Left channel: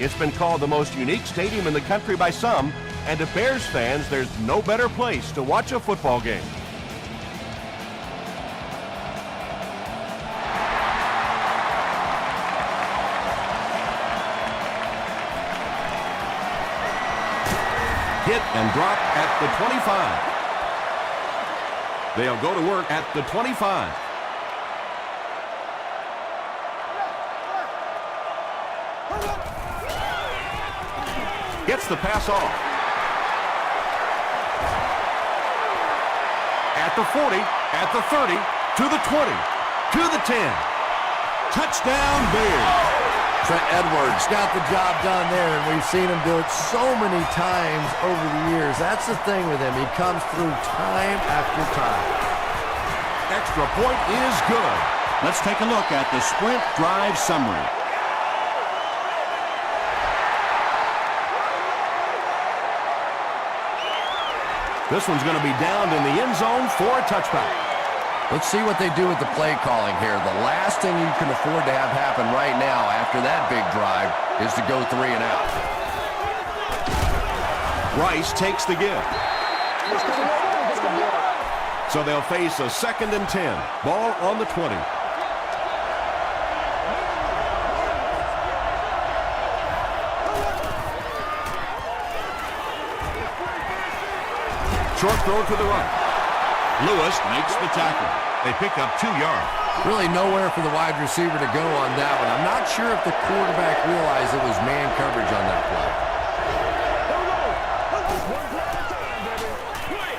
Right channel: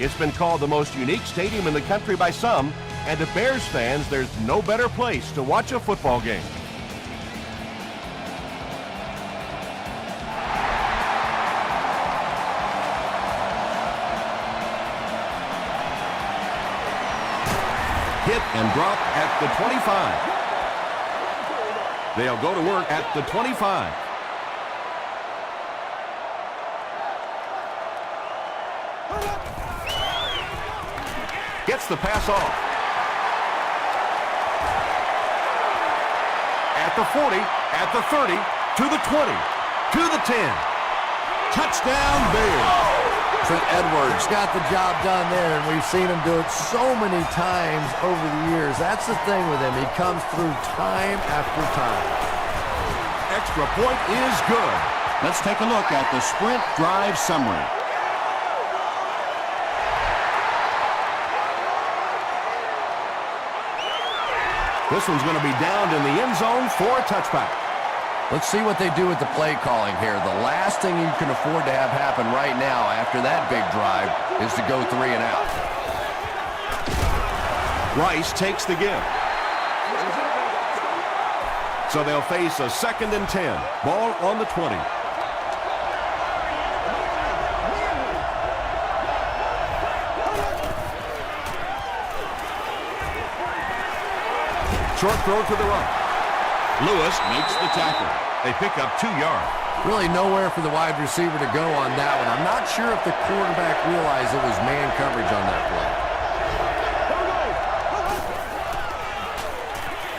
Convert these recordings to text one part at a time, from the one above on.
It's been called the most unique stadium in the country by some, and to Bears fans, there's no better place to watch a football game. Hit and drop at the 25. They'll go to work at the 25. Gets the pass off. At the 40, at the 30, to the 20, to the 10. Touchdown Bears. Trent Edwards got the job done there, and we've seen him do it so many times over the years. That's the thing with him. He comes through time after time. Extra point is good. Let's take a look at the sprint drive summary. This one's going to be downed in the end zone for a touchback. Let's see what they do with the play calling here. The last thing you can afford to have happen right now after that big drive is to go 3 and out. Rice takes the give. So they'll face a 2nd and 10. Ball on the 20. Short throw to the right. Lewis makes the tackle. They pick up 2 yards. Really nowhere for the wide receiver to go on that one. I'm not sure if the quarterback realized it was man coverage on that play.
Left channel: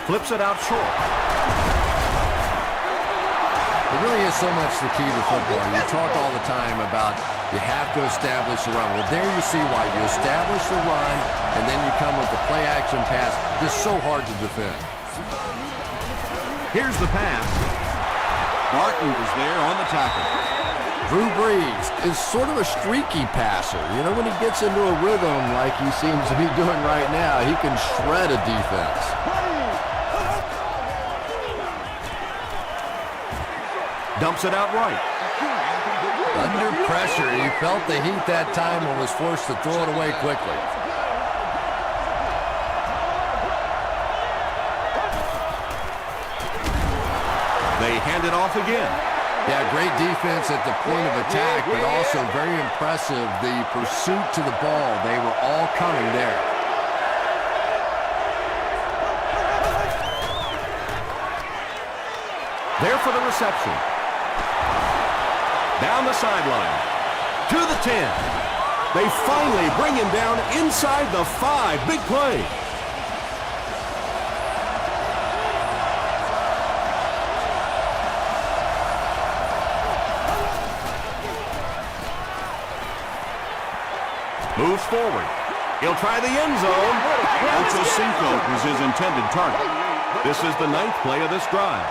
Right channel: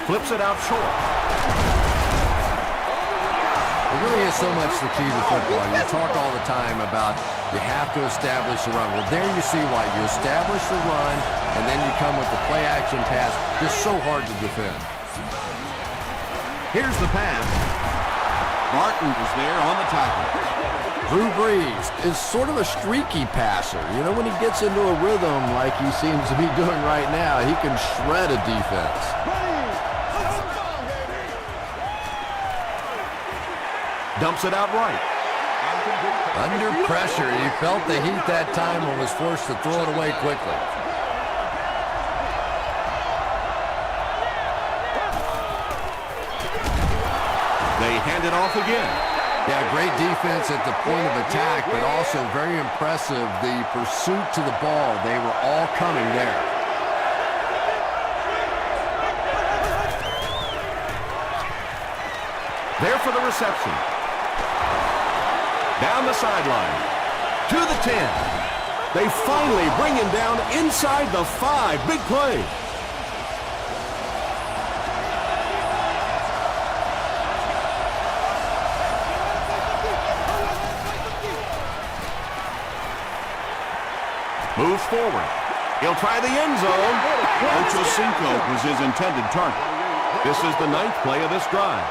Flips it out short. It really is so much the key to football. You talk all the time about you have to establish the run. Well, there you see why. You establish the run, and then you come with the play-action pass. It's so hard to defend. Here's the pass. Martin is there on the tackle. Drew Brees is sort of a streaky passer. You know, when he gets into a rhythm like he seems to be doing right now, he can shred a defense. Dumps it out right. Under pressure, he felt the heat that time and was forced to throw it away quickly. They hand it off again. Yeah, great defense at the point of attack, but also very impressive, the pursuit to the ball. They were all coming there. There for the reception. Down the sideline. To the 10. They finally bring him down inside the 5. Big play. Moves forward. He'll try the end zone. Ocho Cinco was his intended target. This is the 9th play of this drive.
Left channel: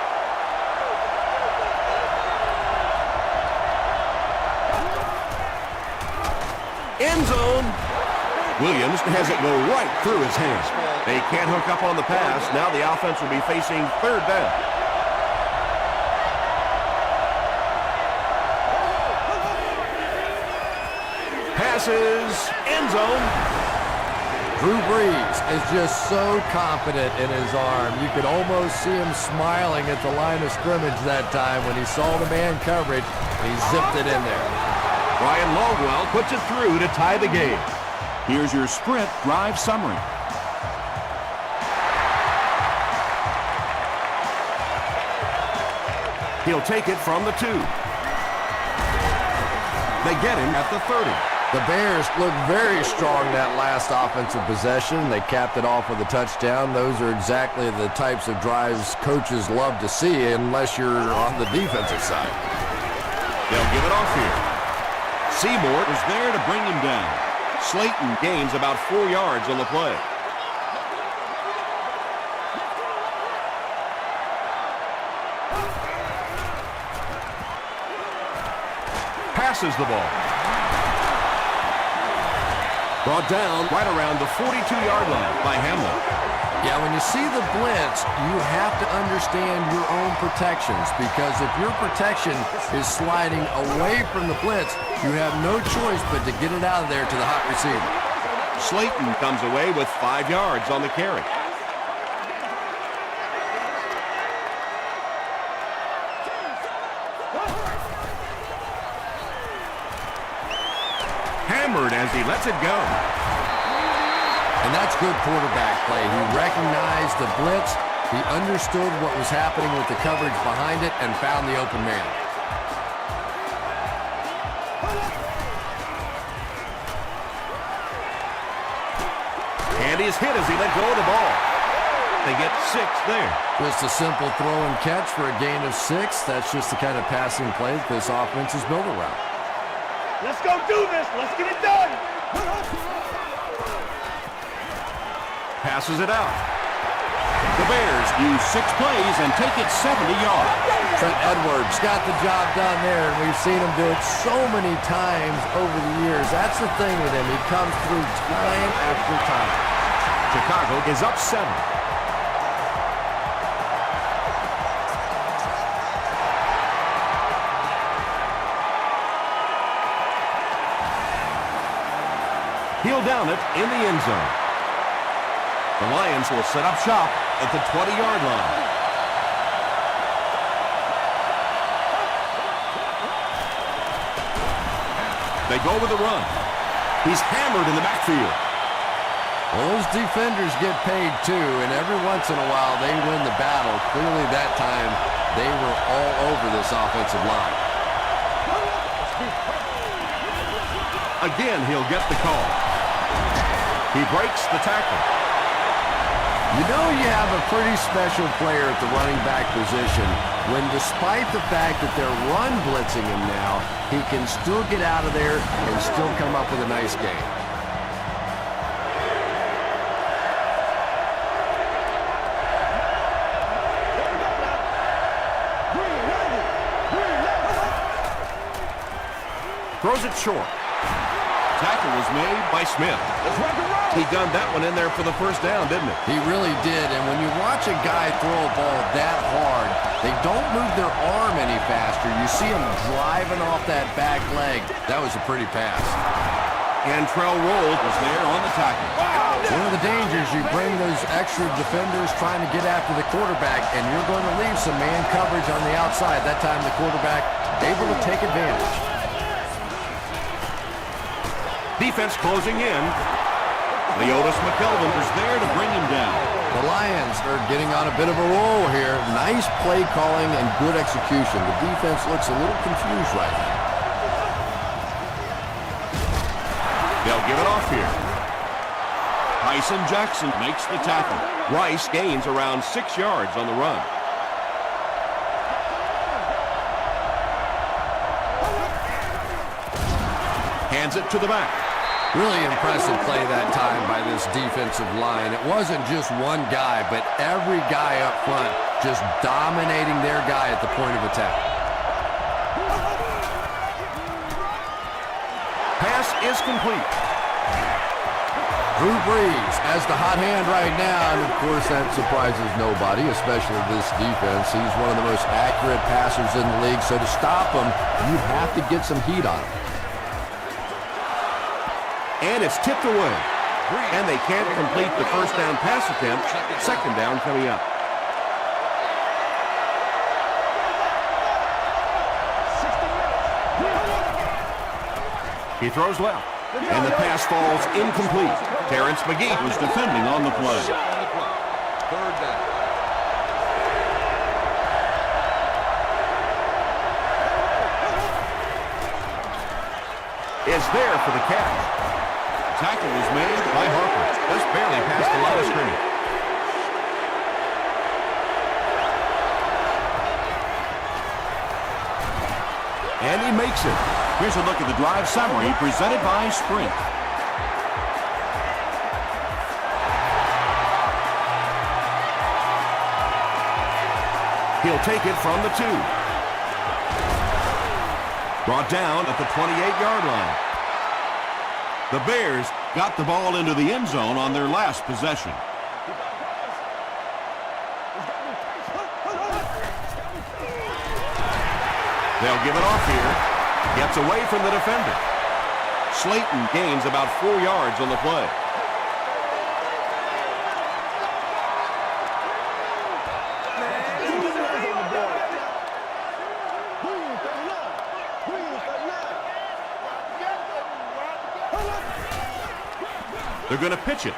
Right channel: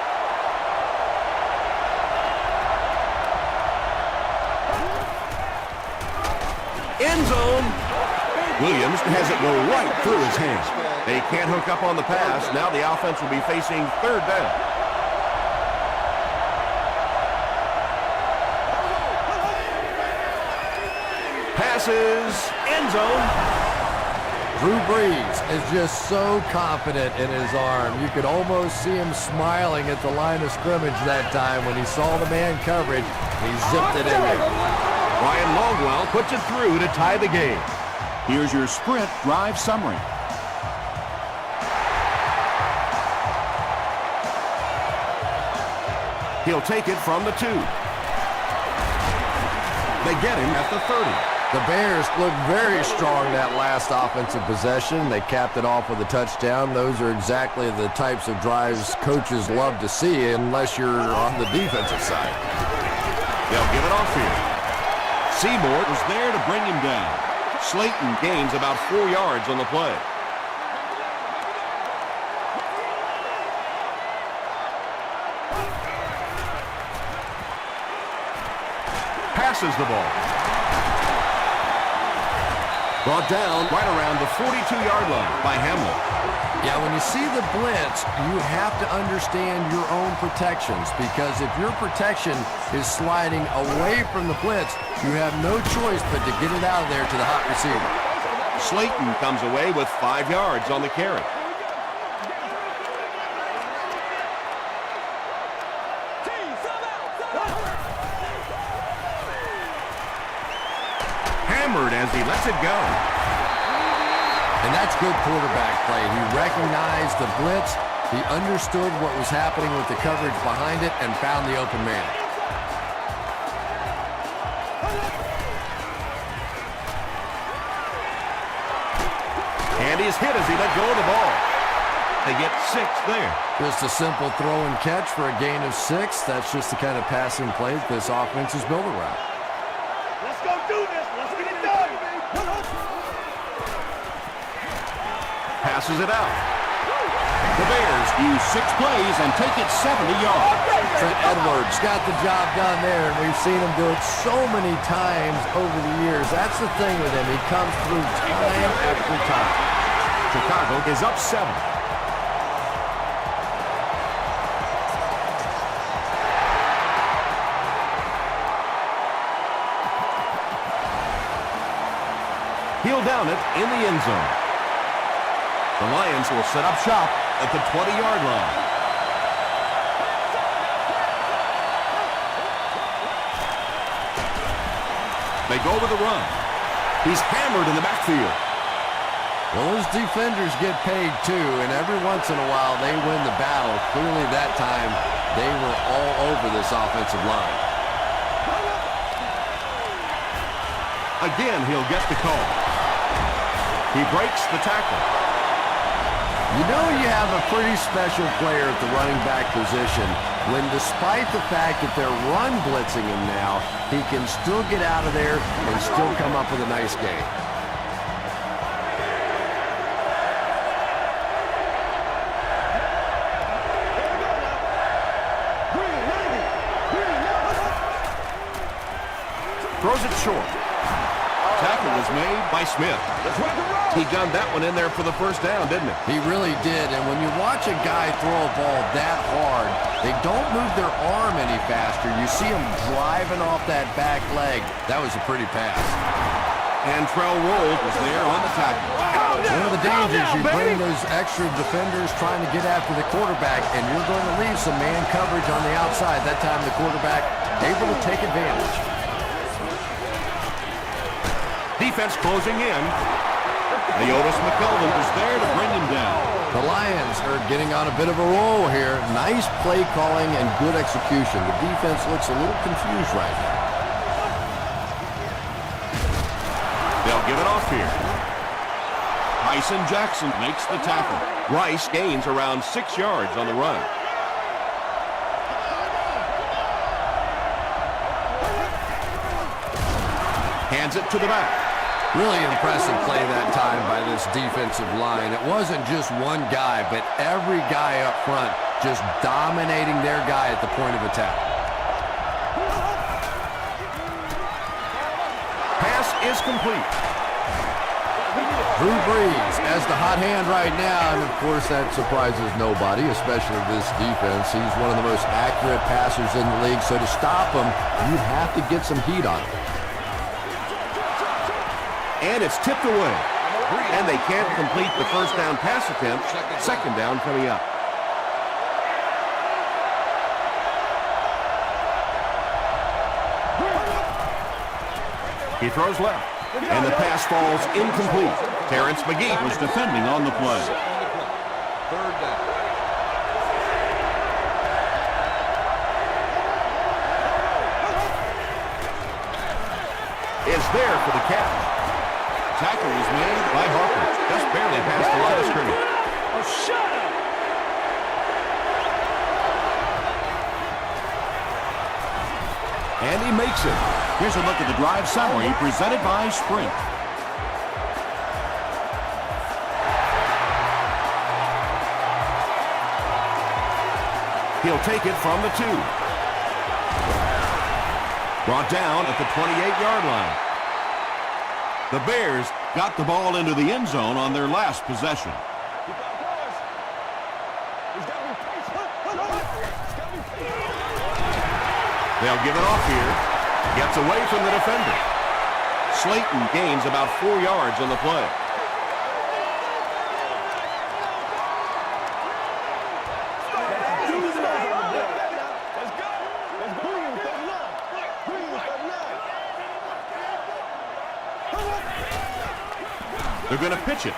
End zone. Williams has it go right through his hands. They can't hook up on the pass. Now the offense will be facing 3rd down. Passes, end zone. Drew Brees is just so confident in his arm. You could almost see him smiling at the line of scrimmage that time when he saw the man coverage. He zipped it in there. Ryan Longwell puts it through to tie the game. Here's your sprint drive summary. He'll take it from the 2. They get him at the 30. The Bears looked very strong that last offensive possession. They capped it off with a touchdown. Those are exactly the types of drives coaches love to see unless you're on the defensive side. They'll give it off here. Seymour was there to bring him down. Slayton gains about 4 yards on the play. Passes the ball. Brought down right around the 42-yard line by Hamlin. Yeah, when you see the blitz, you have to understand your own protections, because if your protection is sliding away from the blitz, you have no choice but to get it out of there to the hot receiver. Slayton comes away with 5 yards on the carry. Hammered as he lets it go. And that's good quarterback play. He recognized the blitz, he understood what was happening with the coverage behind it, and found the open man. And he's hit as he let go of the ball. They get 6 there. Just a simple throw and catch for a gain of 6. That's just the kind of passing plays this offense is built around. Let's go do this. Let's get it done. Passes it out. The Bears use 6 plays and take it 70 yards. Trent Edwards got the job done there, and we've seen him do it so many times over the years. That's the thing with him. He comes through time after time. Chicago is up 7. He'll down it in the end zone. The Lions will set up shop at the 20-yard line. They go with a run. He's hammered in the backfield. Well, those defenders get paid too, and every once in a while they win the battle. Clearly that time they were all over this offensive line. Again, he'll get the call. He breaks the tackle. You know you have a pretty special player at the running back position when, despite the fact that they're run blitzing him now, he can still get out of there and still come up with a nice game. Here we go now. Green, 90. Green, left. Throws it short. Tackle was made by Smith. Let's rock and roll. He gunned that one in there for the first down, didn't he? He really did, and when you watch a guy throw a ball that hard, they don't move their arm any faster. You see him driving off that back leg. That was a pretty pass. Antrell Roll was there on the tackle. One of the dangers, you bring those extra defenders trying to get after the quarterback, and you're going to leave some man coverage on the outside. That time the quarterback able to take advantage. Defense closing in. Leotis McKelvin was there to bring him down. The Lions are getting on a bit of a roll here. Nice play calling and good execution. The defense looks a little confused right now. They'll give it off here. Tyson Jackson makes the tackle. Rice gains around 6 yards on the run. Hands it to the back. Really impressive play that time by this defensive line. It wasn't just one guy, but every guy up front just dominating their guy at the point of attack. Pass is complete. Drew Brees as the hot hand right now, and of course that surprises nobody, especially this defense. He's one of the most accurate passers in the league, so to stop him, you have to get some heat on him. And it's tipped away. And they can't complete the first down pass attempt. Second down coming up. He throws left. And the pass falls incomplete. Terrence McGee Was defending on the play. Third down. is there for the catch. Tackle was made By Harper. Just barely past the line of scrimmage. Oh, shut up. And he makes it. Here's a look at the drive summary presented by Sprint. He'll take it from the 2. Brought down at the 28-yard line. The Bears got the ball into the end zone on their last possession. Keep our boys. He's got to be patient. He's got to be patient. They'll give it off here. Gets away from the defender. Slayton gains about 4 yards on the play. They're going to pitch it.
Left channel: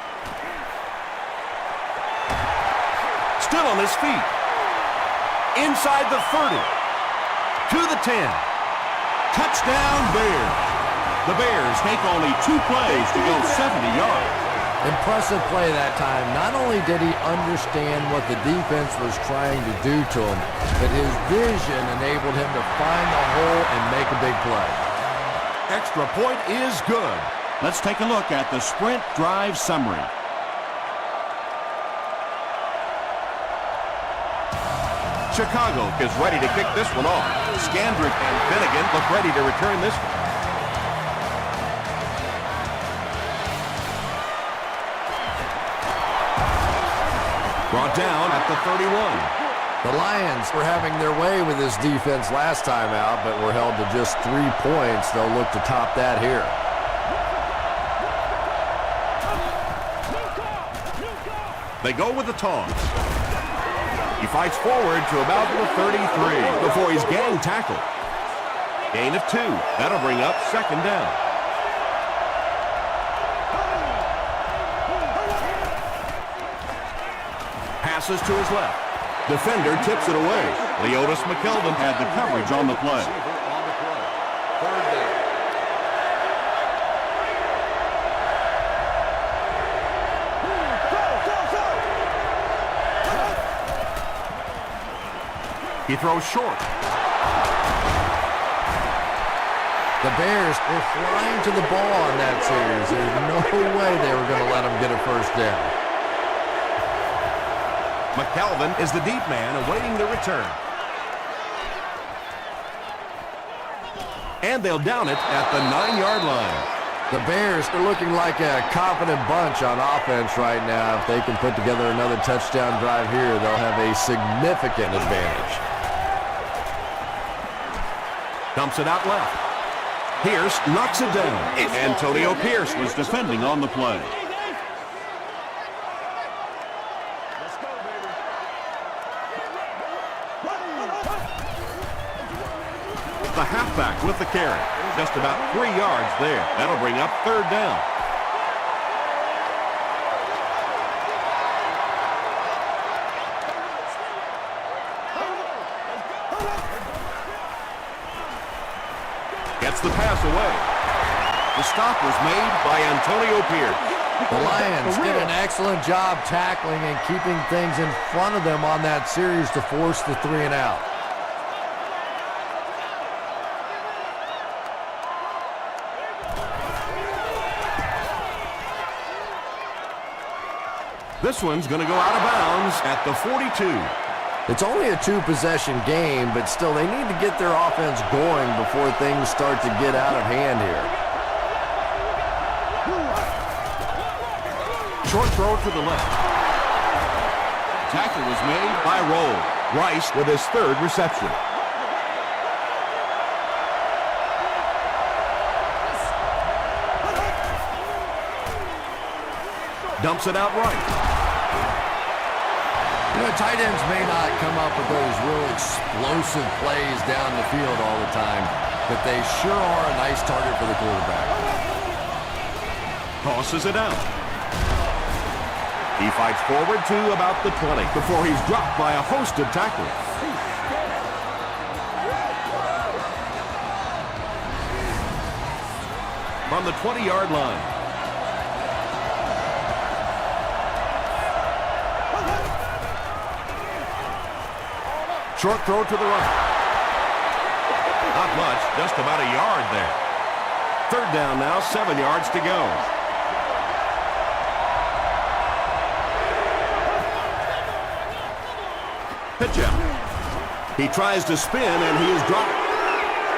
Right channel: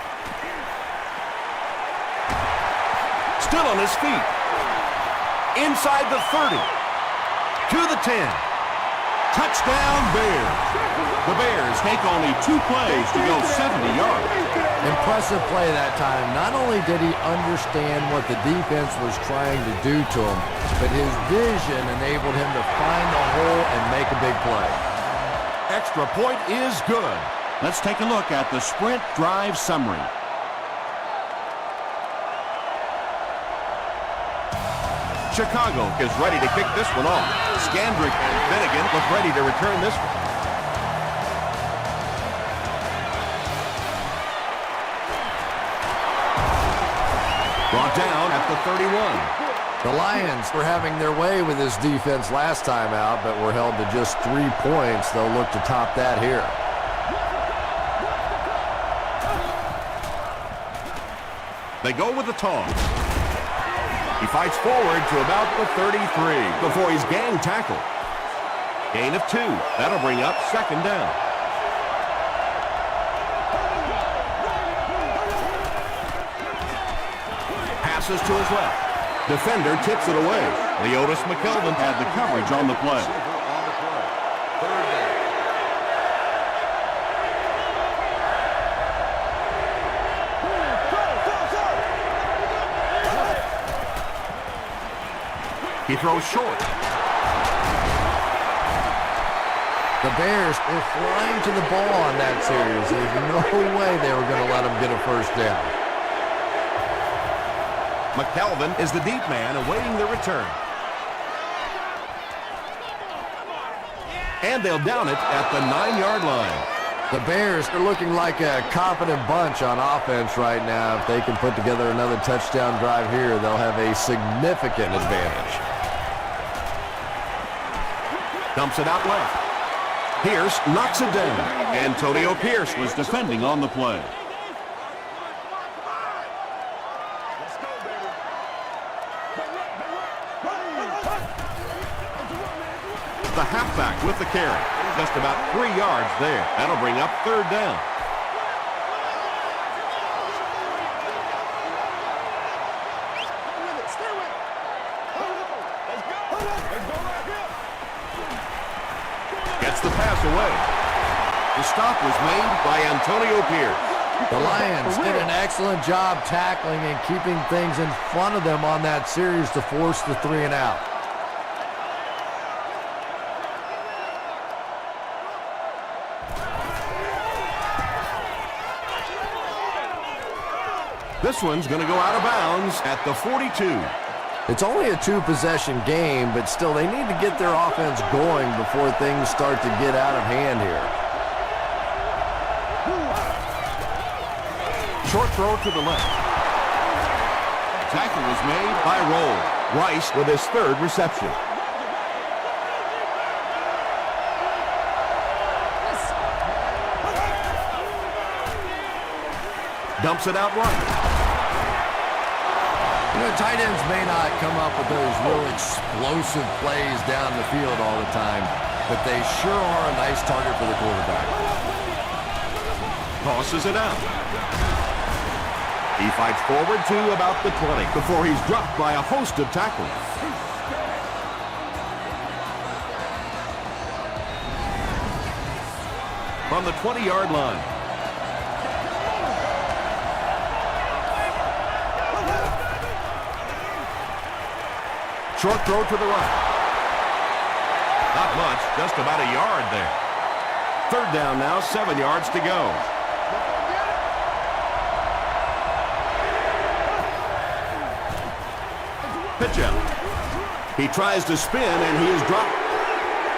Still on his feet. Inside the 30. To the 10. Touchdown Bears. The Bears take only 2 plays to go 70 yards. Impressive play that time. Not only did he understand what the defense was trying to do to him, but his vision enabled him to find the hole and make a big play. Extra point is good. Let's take a look at the sprint drive summary. Chicago is ready to kick this one off. Scandrick and Finnegan look ready to return this one. Brought down at the 31. The Lions were having their way with this defense last time out, but were held to just 3 points. They'll look to top that here. They go with the toss. He fights forward to about the 33 before he's gang tackled. Gain of 2. That'll bring up second down. Passes to his left. Defender tips it away. Leotis McKelvin Had the coverage on the play. He throws short. The Bears were flying to the ball on that series. There's no way they were going to let them get a first down. McKelvin is the deep man awaiting the return. And they'll down it at the 9-yard line. The Bears are looking like a confident bunch on offense right now. If they can put together another touchdown drive here, they'll have a significant advantage. Dumps it out left. Pierce knocks it down. Antonio Pierce Was defending on the play. Let's go, baby. the halfback with the carry. Just about 3 yards there. That'll bring up third down. Gets the pass away. The stop was made by Antonio Pierce. The Lions did an excellent job tackling and keeping things in front of them on that series to force the 3 and out. This one's going to go out of bounds at the 42. It's only a 2-possession game, but still they need to get their offense going before things start to get out of hand here. Short throw to the left. Tackle was made by Roll. Rice with his third reception. Dumps it out right. You know, tight ends may not come up with those real explosive plays down the field all the time, but they sure are a nice target for the quarterback. Tosses it out. He fights forward to about the 20 before he's dropped by a host of tacklers. From the 20-yard line. Short throw to the right. Not much, just about a yard there. Third down now, 7 yards to go. Pitch out. He tries to spin, and he is dropped.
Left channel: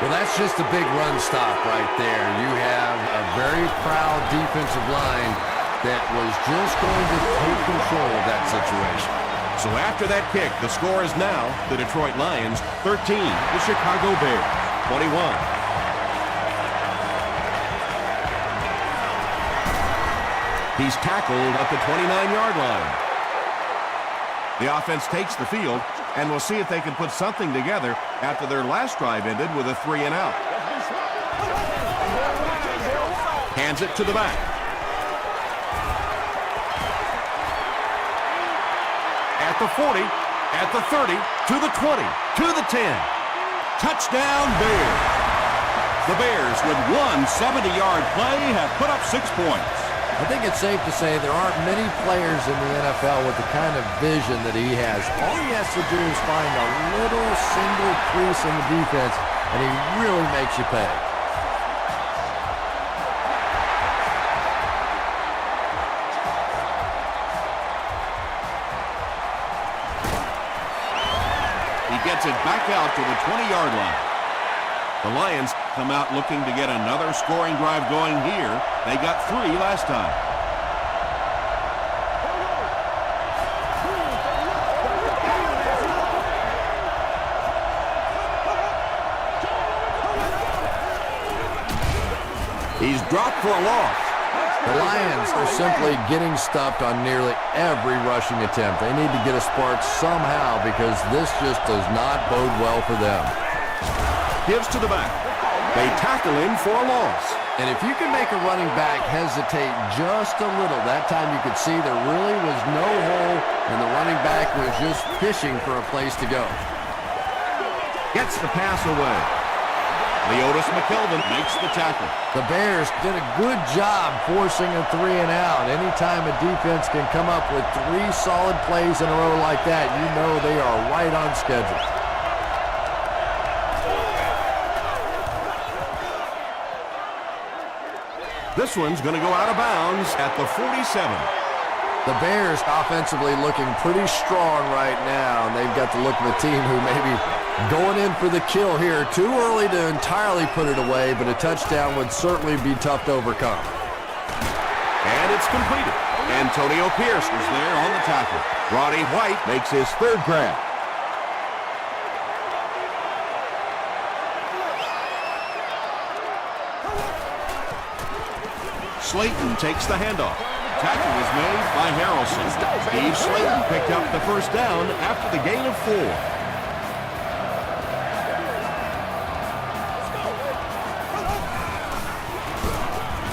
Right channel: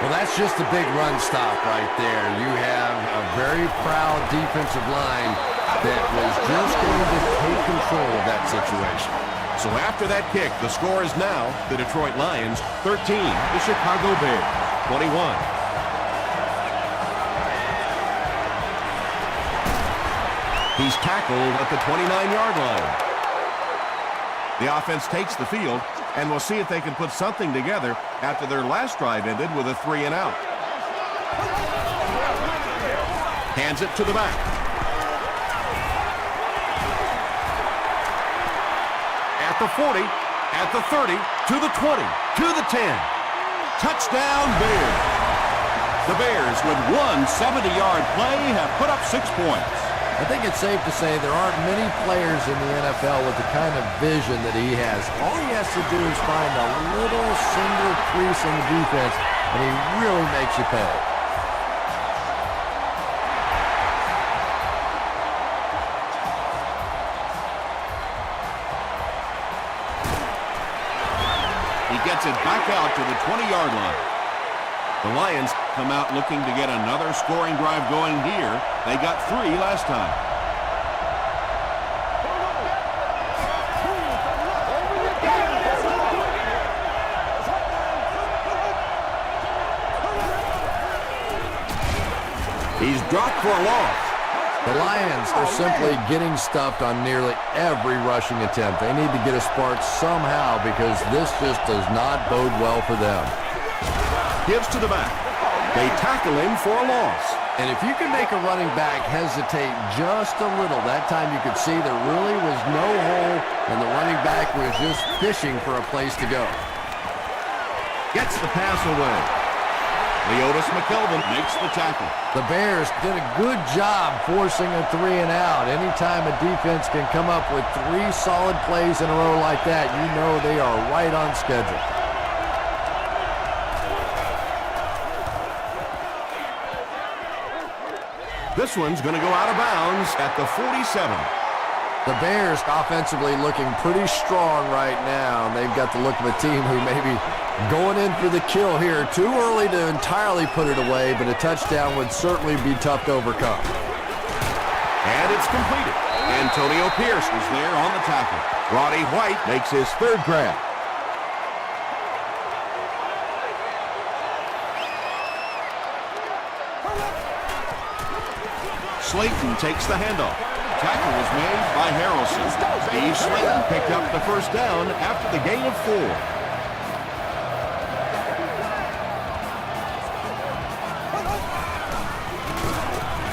Well, that's just a big run stop right there. You have a very proud defensive line that was just going to take control of that situation. So after that kick, the score is now the Detroit Lions 13, the Chicago Bears 21. He's tackled at the 29-yard line. The offense takes the field, and we'll see if they can put something together after their last drive ended with a 3-and-out. Hands it to the back. At the 40, at the 30, to the 20, to the 10. Touchdown Bears. The Bears, with one 70-yard play, have put up 6 points. I think it's safe to say there aren't many players in the NFL with the kind of vision that he has. All he has to do is find a little single crease in the defense, and he really makes you pay. He gets it back out to the 20-yard line. The Lions come out looking to get another scoring drive going here. They got 3 last time. He's dropped for a loss. The Lions are simply getting stuffed on nearly every rushing attempt. They need to get a spark somehow because this just does not bode well for them. Gives to the back. They tackle him for a loss. And if you can make a running back hesitate just a little, that time you could see there really was no hole and the running back was just fishing for a place to go. Gets the pass away. Leotis McKelvin makes the tackle. The Bears did a good job forcing a 3-and-out. Anytime a defense can come up with 3 solid plays in a row like that, you know they are right on schedule. This one's going to go out of bounds at the 47. The Bears offensively looking pretty strong right now, and they've got the look of a team who may be going in for the kill here. Too early to entirely put it away, but a touchdown would certainly be tough to overcome. And it's completed. Antonio Pierce Was there on the tackle. Roddy White makes his 3rd grab. Slayton takes the handoff. Tackle was made by Harrelson. Steve Slayton picked up the first down after the gain of 4.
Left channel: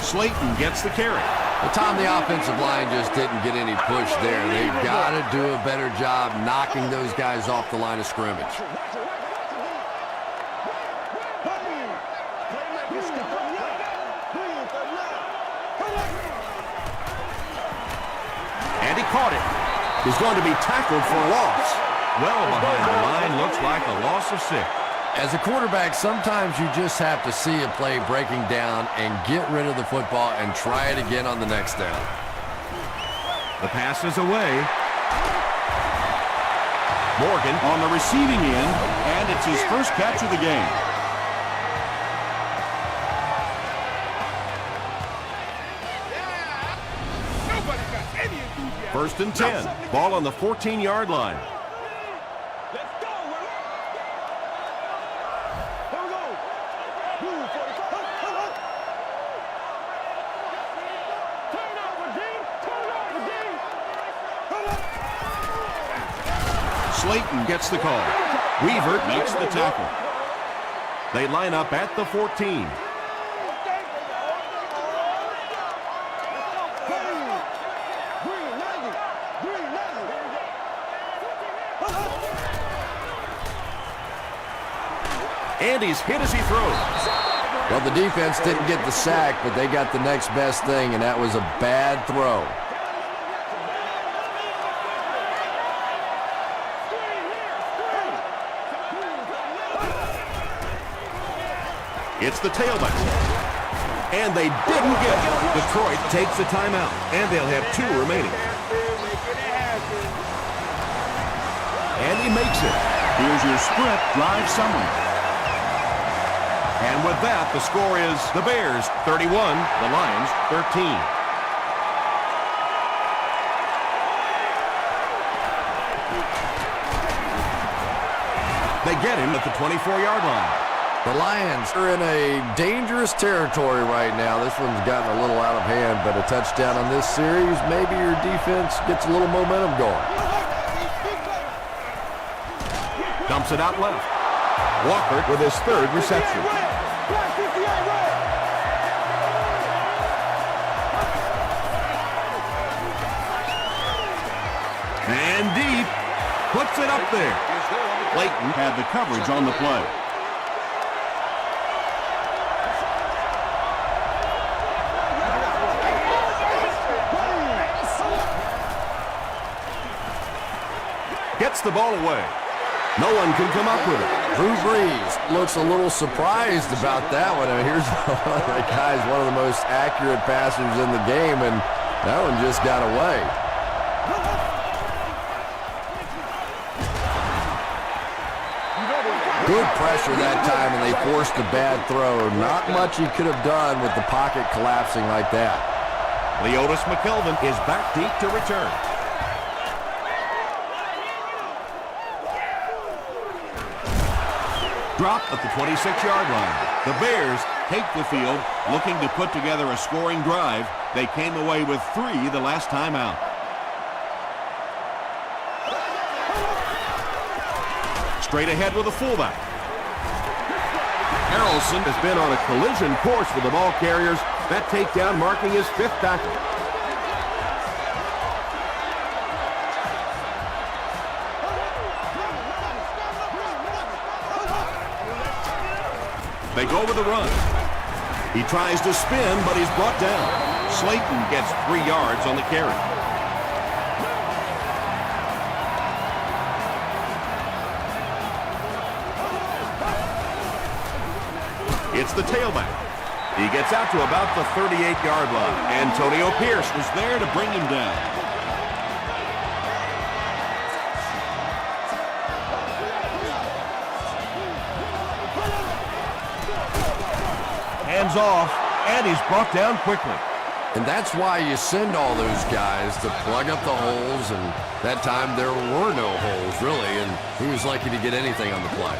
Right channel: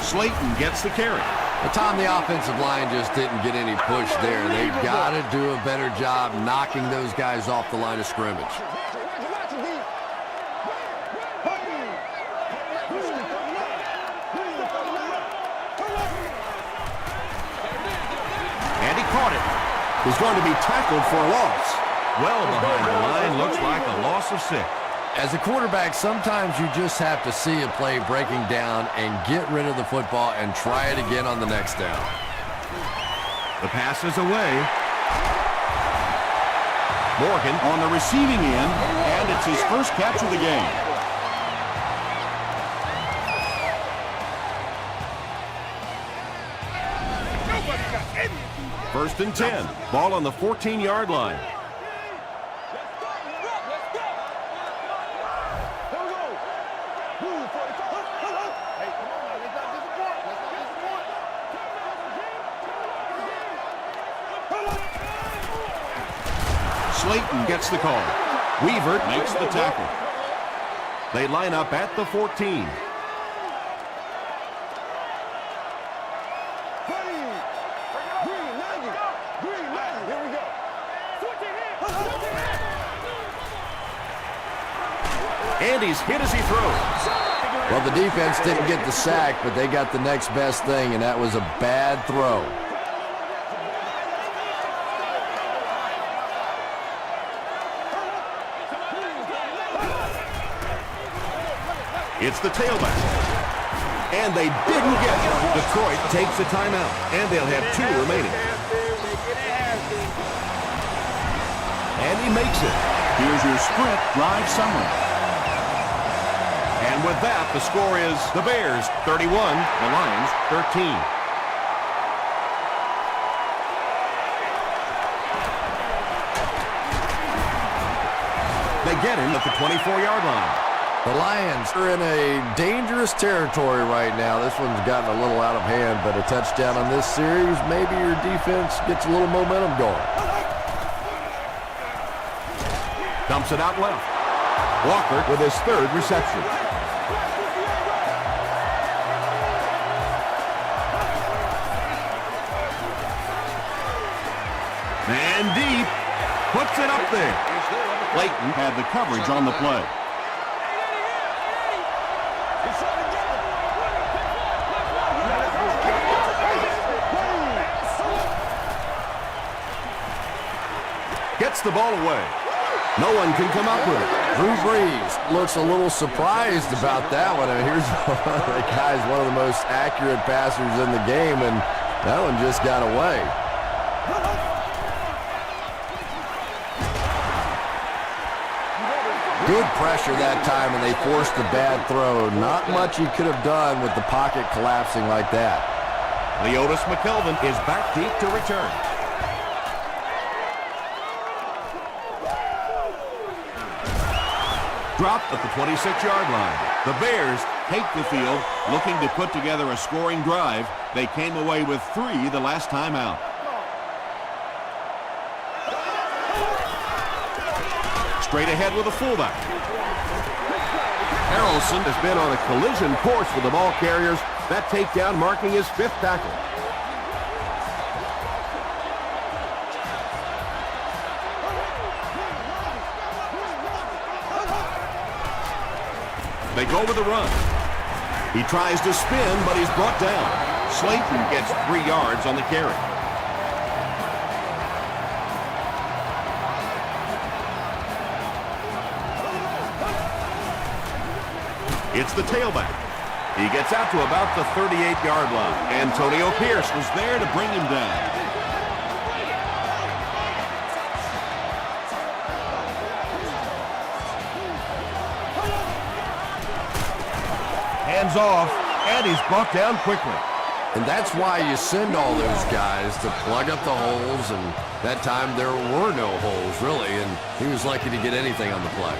Slayton gets the carry. Tom, the offensive line just didn't get any push there. They've got to do a better job knocking those guys off the line of scrimmage. And he caught it. He's going to be tackled for a loss. Well behind the line, looks like a loss of 6. As a quarterback, sometimes you just have to see a play breaking down and get rid of the football and try it again on the next down. The pass is away. Morgan On the receiving end, and it's his first catch of the game. First and 10. Ball on the 14-yard line. Let's go. We're up. Let's go. Come on. Here we go. Blue 45. Hey, come on now. Let's not disappoint. Turn over, D. Slayton gets the call. Weaver makes the tackle. They line up at the 14. Green 90. Here we go. Switch it here. And he's hit as he throws. Well, the defense didn't get the sack, but they got the next best thing, and that was a bad throw. It's the tailback. And they didn't get it. Detroit takes a timeout, and they'll have 2 remaining. And he makes it. Here's your sprint drive summary. And with that, the score is the Bears 31, the Lions 13. They get him at the 24-yard line. The Lions are in a dangerous territory right now. This one's gotten a little out of hand, but a touchdown on this series, maybe your defense gets a little momentum going. Dumps it out left. Walker with his third reception. And deep. Puts it up there. Clayton had the coverage on the play. Gets the ball away. No one can come up with it. Drew Brees looks a little surprised about that one. And here's that guy's one of the most accurate passers in the game, and that one just got away. Good pressure that time, and they forced a bad throw. Not much he could have done with the pocket collapsing like that. Leotis McKelvin is back deep to return. Dropped at the 26-yard line. The Bears take the field, looking to put together a scoring drive. They came away with 3 the last time out. Straight ahead with a fullback. Harrelson has been on a collision course with the ball carriers. That takedown marking his 5th tackle. They go with the run. He tries to spin, but he's brought down. Slayton gets 3 yards on the carry. It's the tailback. He gets out to about the 38-yard line. Antonio Pierce was there to bring him down. Hands off, and he's brought down quickly. And that's why you send all those guys to plug up the holes, and that time there were no holes, really, and he was lucky to get anything on the play.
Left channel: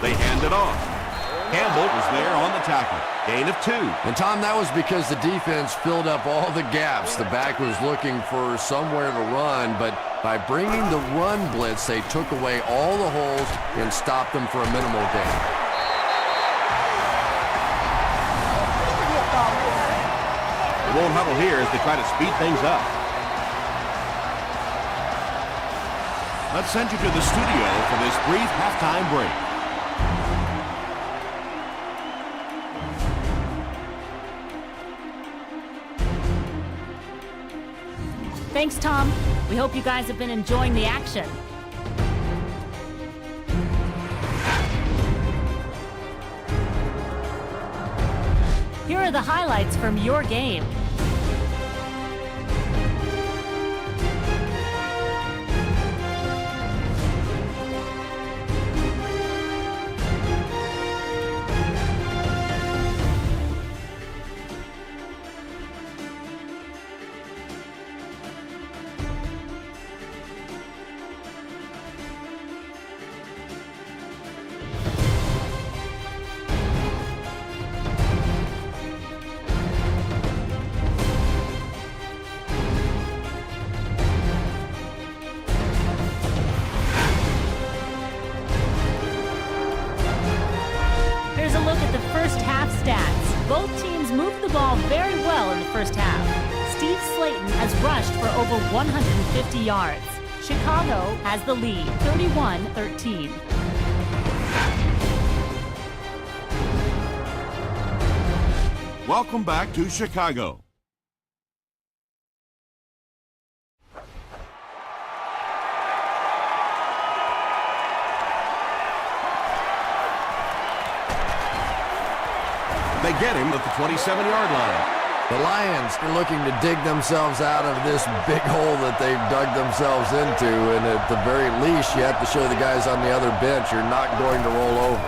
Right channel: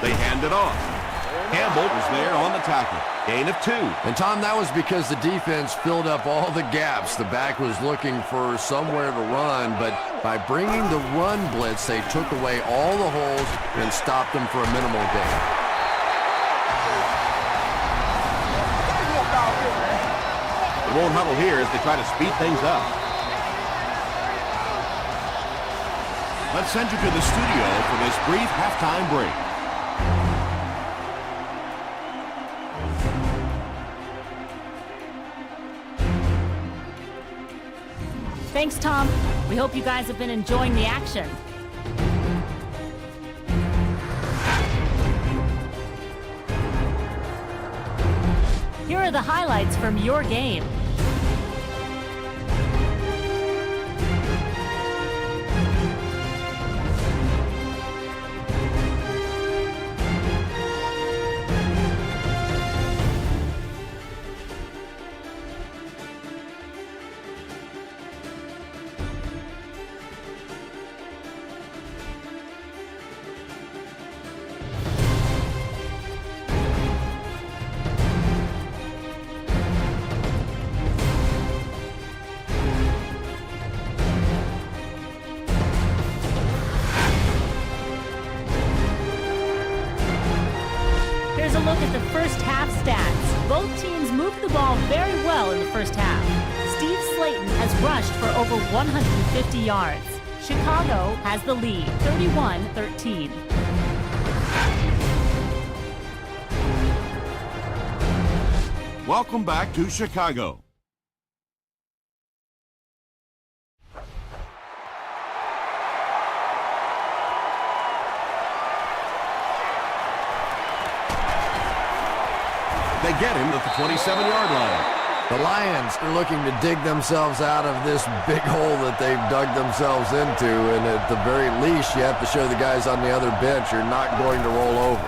They hand it off. Campbell was there on the tackle. Gain of 2. And, Tom, that was because the defense filled up all the gaps. The back was looking for somewhere to run, but by bringing the run blitz, they took away all the holes and stopped them for a minimal gain. They won't huddle here as they try to speed things up. Let's send you to the studio for this brief halftime break. Thanks, Tom. We hope you guys have been enjoying the action. Here are the highlights from your game. Here's a look at the first half stats. Both teams moved the ball very well in the first half. Steve Slayton has rushed for over 150 yards. Chicago has the lead, 31-13. Welcome back to Chicago. They get him at the 27-yard line. The Lions are looking to dig themselves out of this big hole that they've dug themselves into, and at the very least, you have to show the guys on the other bench you're not going to roll over.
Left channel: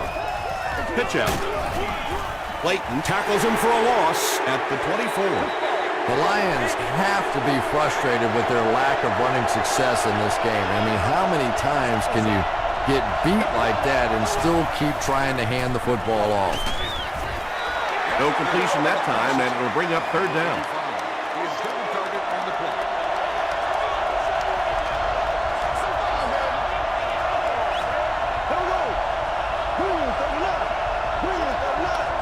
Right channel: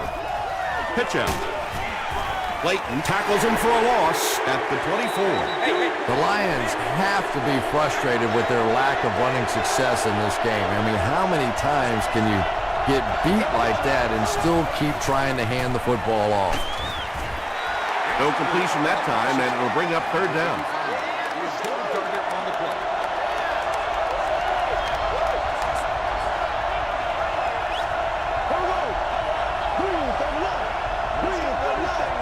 Pitch out. Slayton tackles him for a loss at the 24. The Lions have to be frustrated with their lack of running success in this game. I mean, how many times can you get beat like that and still keep trying to hand the football off? No completion that time, and it'll bring up third down. Here we go. Green 39. Green 39.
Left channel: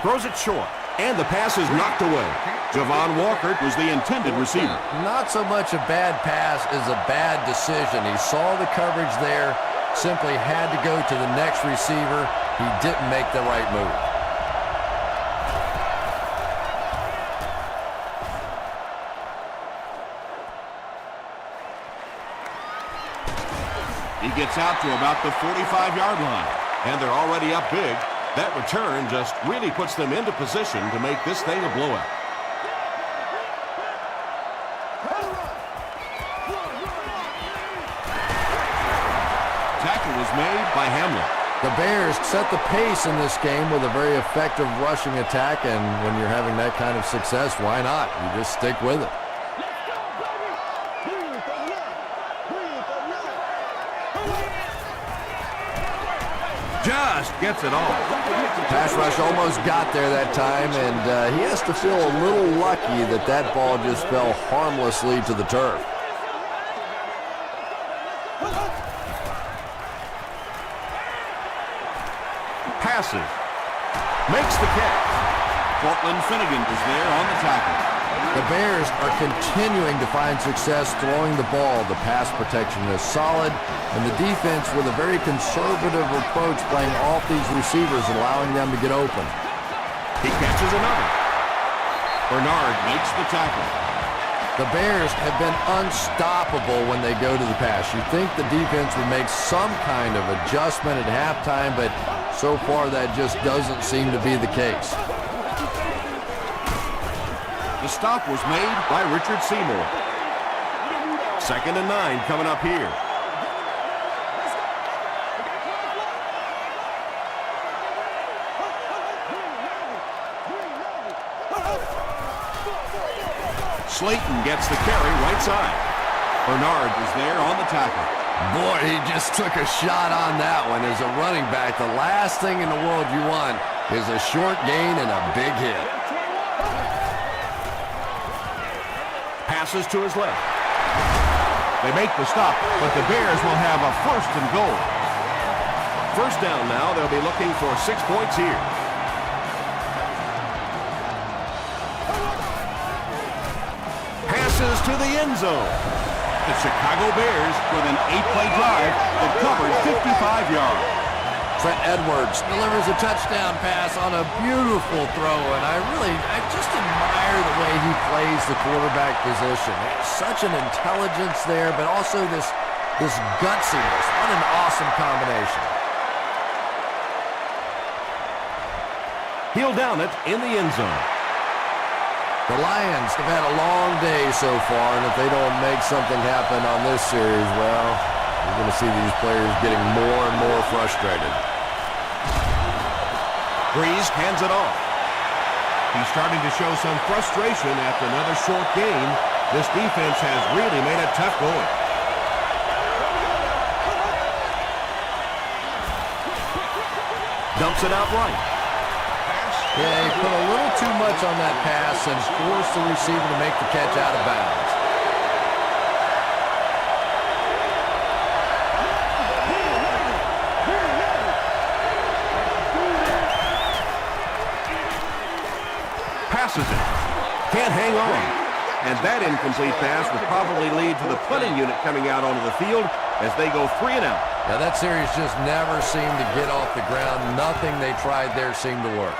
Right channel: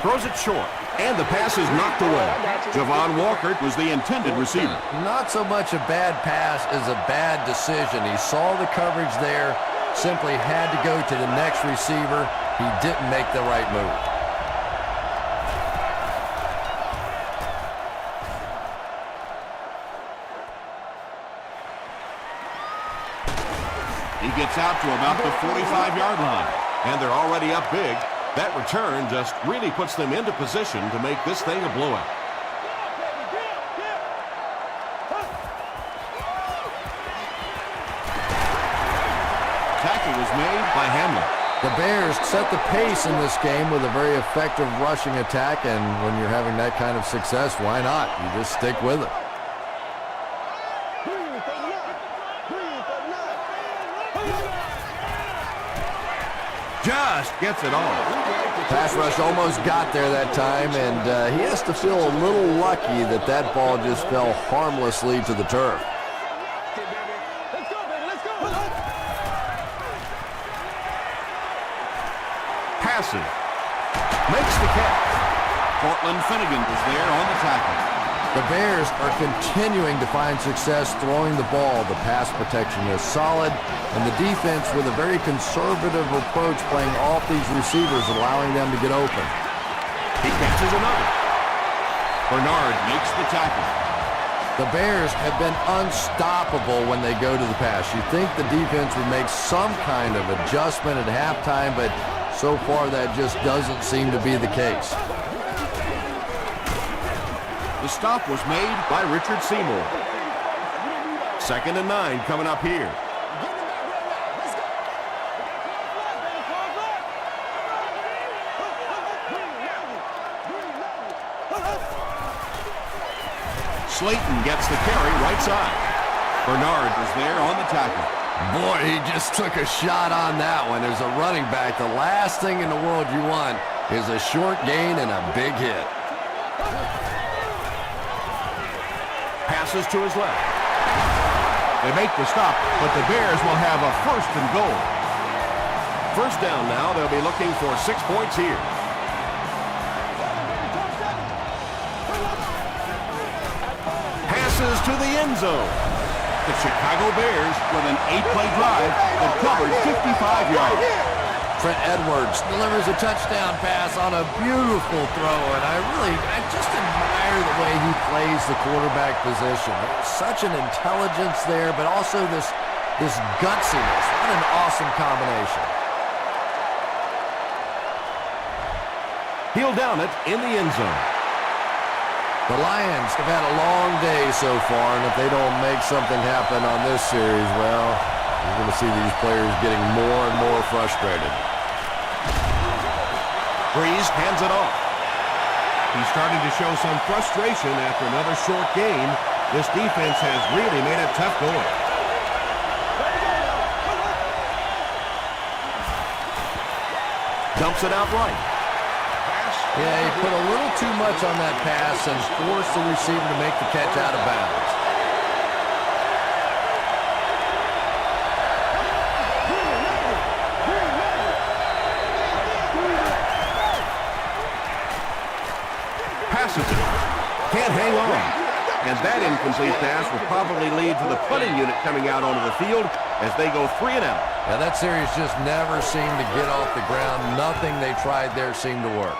Throws it short, and the pass is knocked away. Javon Walker was the intended receiver. Not so much a bad pass as a bad decision. He saw the coverage there, simply had to go to the next receiver. He didn't make the right move. He gets out to about the 45-yard line. And they're already up big. That return just really puts them into position to make this thing a blowout. Tackle was made by Hamlin. The Bears set the pace in this game with a very effective rushing attack, and when you're having that kind of success, why not? You just stick with it. Green 39. Green 39. Just gets it off. Pass rush almost got there that time, and he has to feel a little lucky that that ball just fell harmlessly to the turf. Let's go, baby. Let's go. Passes. Makes the catch. Cortland Finnegan was there on the tackle. The Bears are continuing to find success throwing the ball. The pass protection is solid, and the defense with a very conservative approach playing off these receivers, allowing them to get open. He catches another. Bernard makes the tackle. The Bears have been unstoppable when they go to the pass. You'd think the defense would make some kind of adjustment at halftime, but so far that just doesn't seem to be the case. The stop was made By Richard Seymour. 2nd and 9 coming up here. Let's go. We got close left, baby. Close left. Green 90. Slayton gets the carry right side. Bernard was there on the tackle. Boy, he just took a shot on that one. As a running back, the last thing in the world you want is a short gain and a big hit. Passes to his left. They make the stop, but the Bears will have a 1st and goal. First down now. They'll be looking for 6 points here. Passes to the end zone. The Chicago Bears with an 8-play drive that covered 55 yards. Trent Edwards delivers a touchdown pass on a beautiful throw, and I just admire the way he plays the quarterback position. There's such an intelligence there, but also this gutsiness. What an awesome combination. He'll down it in the end zone. The Lions have had a long day so far, and if they don't make something happen on this series, well, you're going to see these players getting more and more frustrated. Breeze hands it off. He's starting to show some frustration after another short game. This defense has really made it tough going. Dumps it out right. Yeah, he put a little too much on that pass and forced the receiver to make the catch out of bounds. Passes it. Can't hang on. And that incomplete pass will probably lead to the punting unit coming out onto the field as they go 3 and out. Yeah, that series just never seemed to get off the ground. Nothing they tried there seemed to work.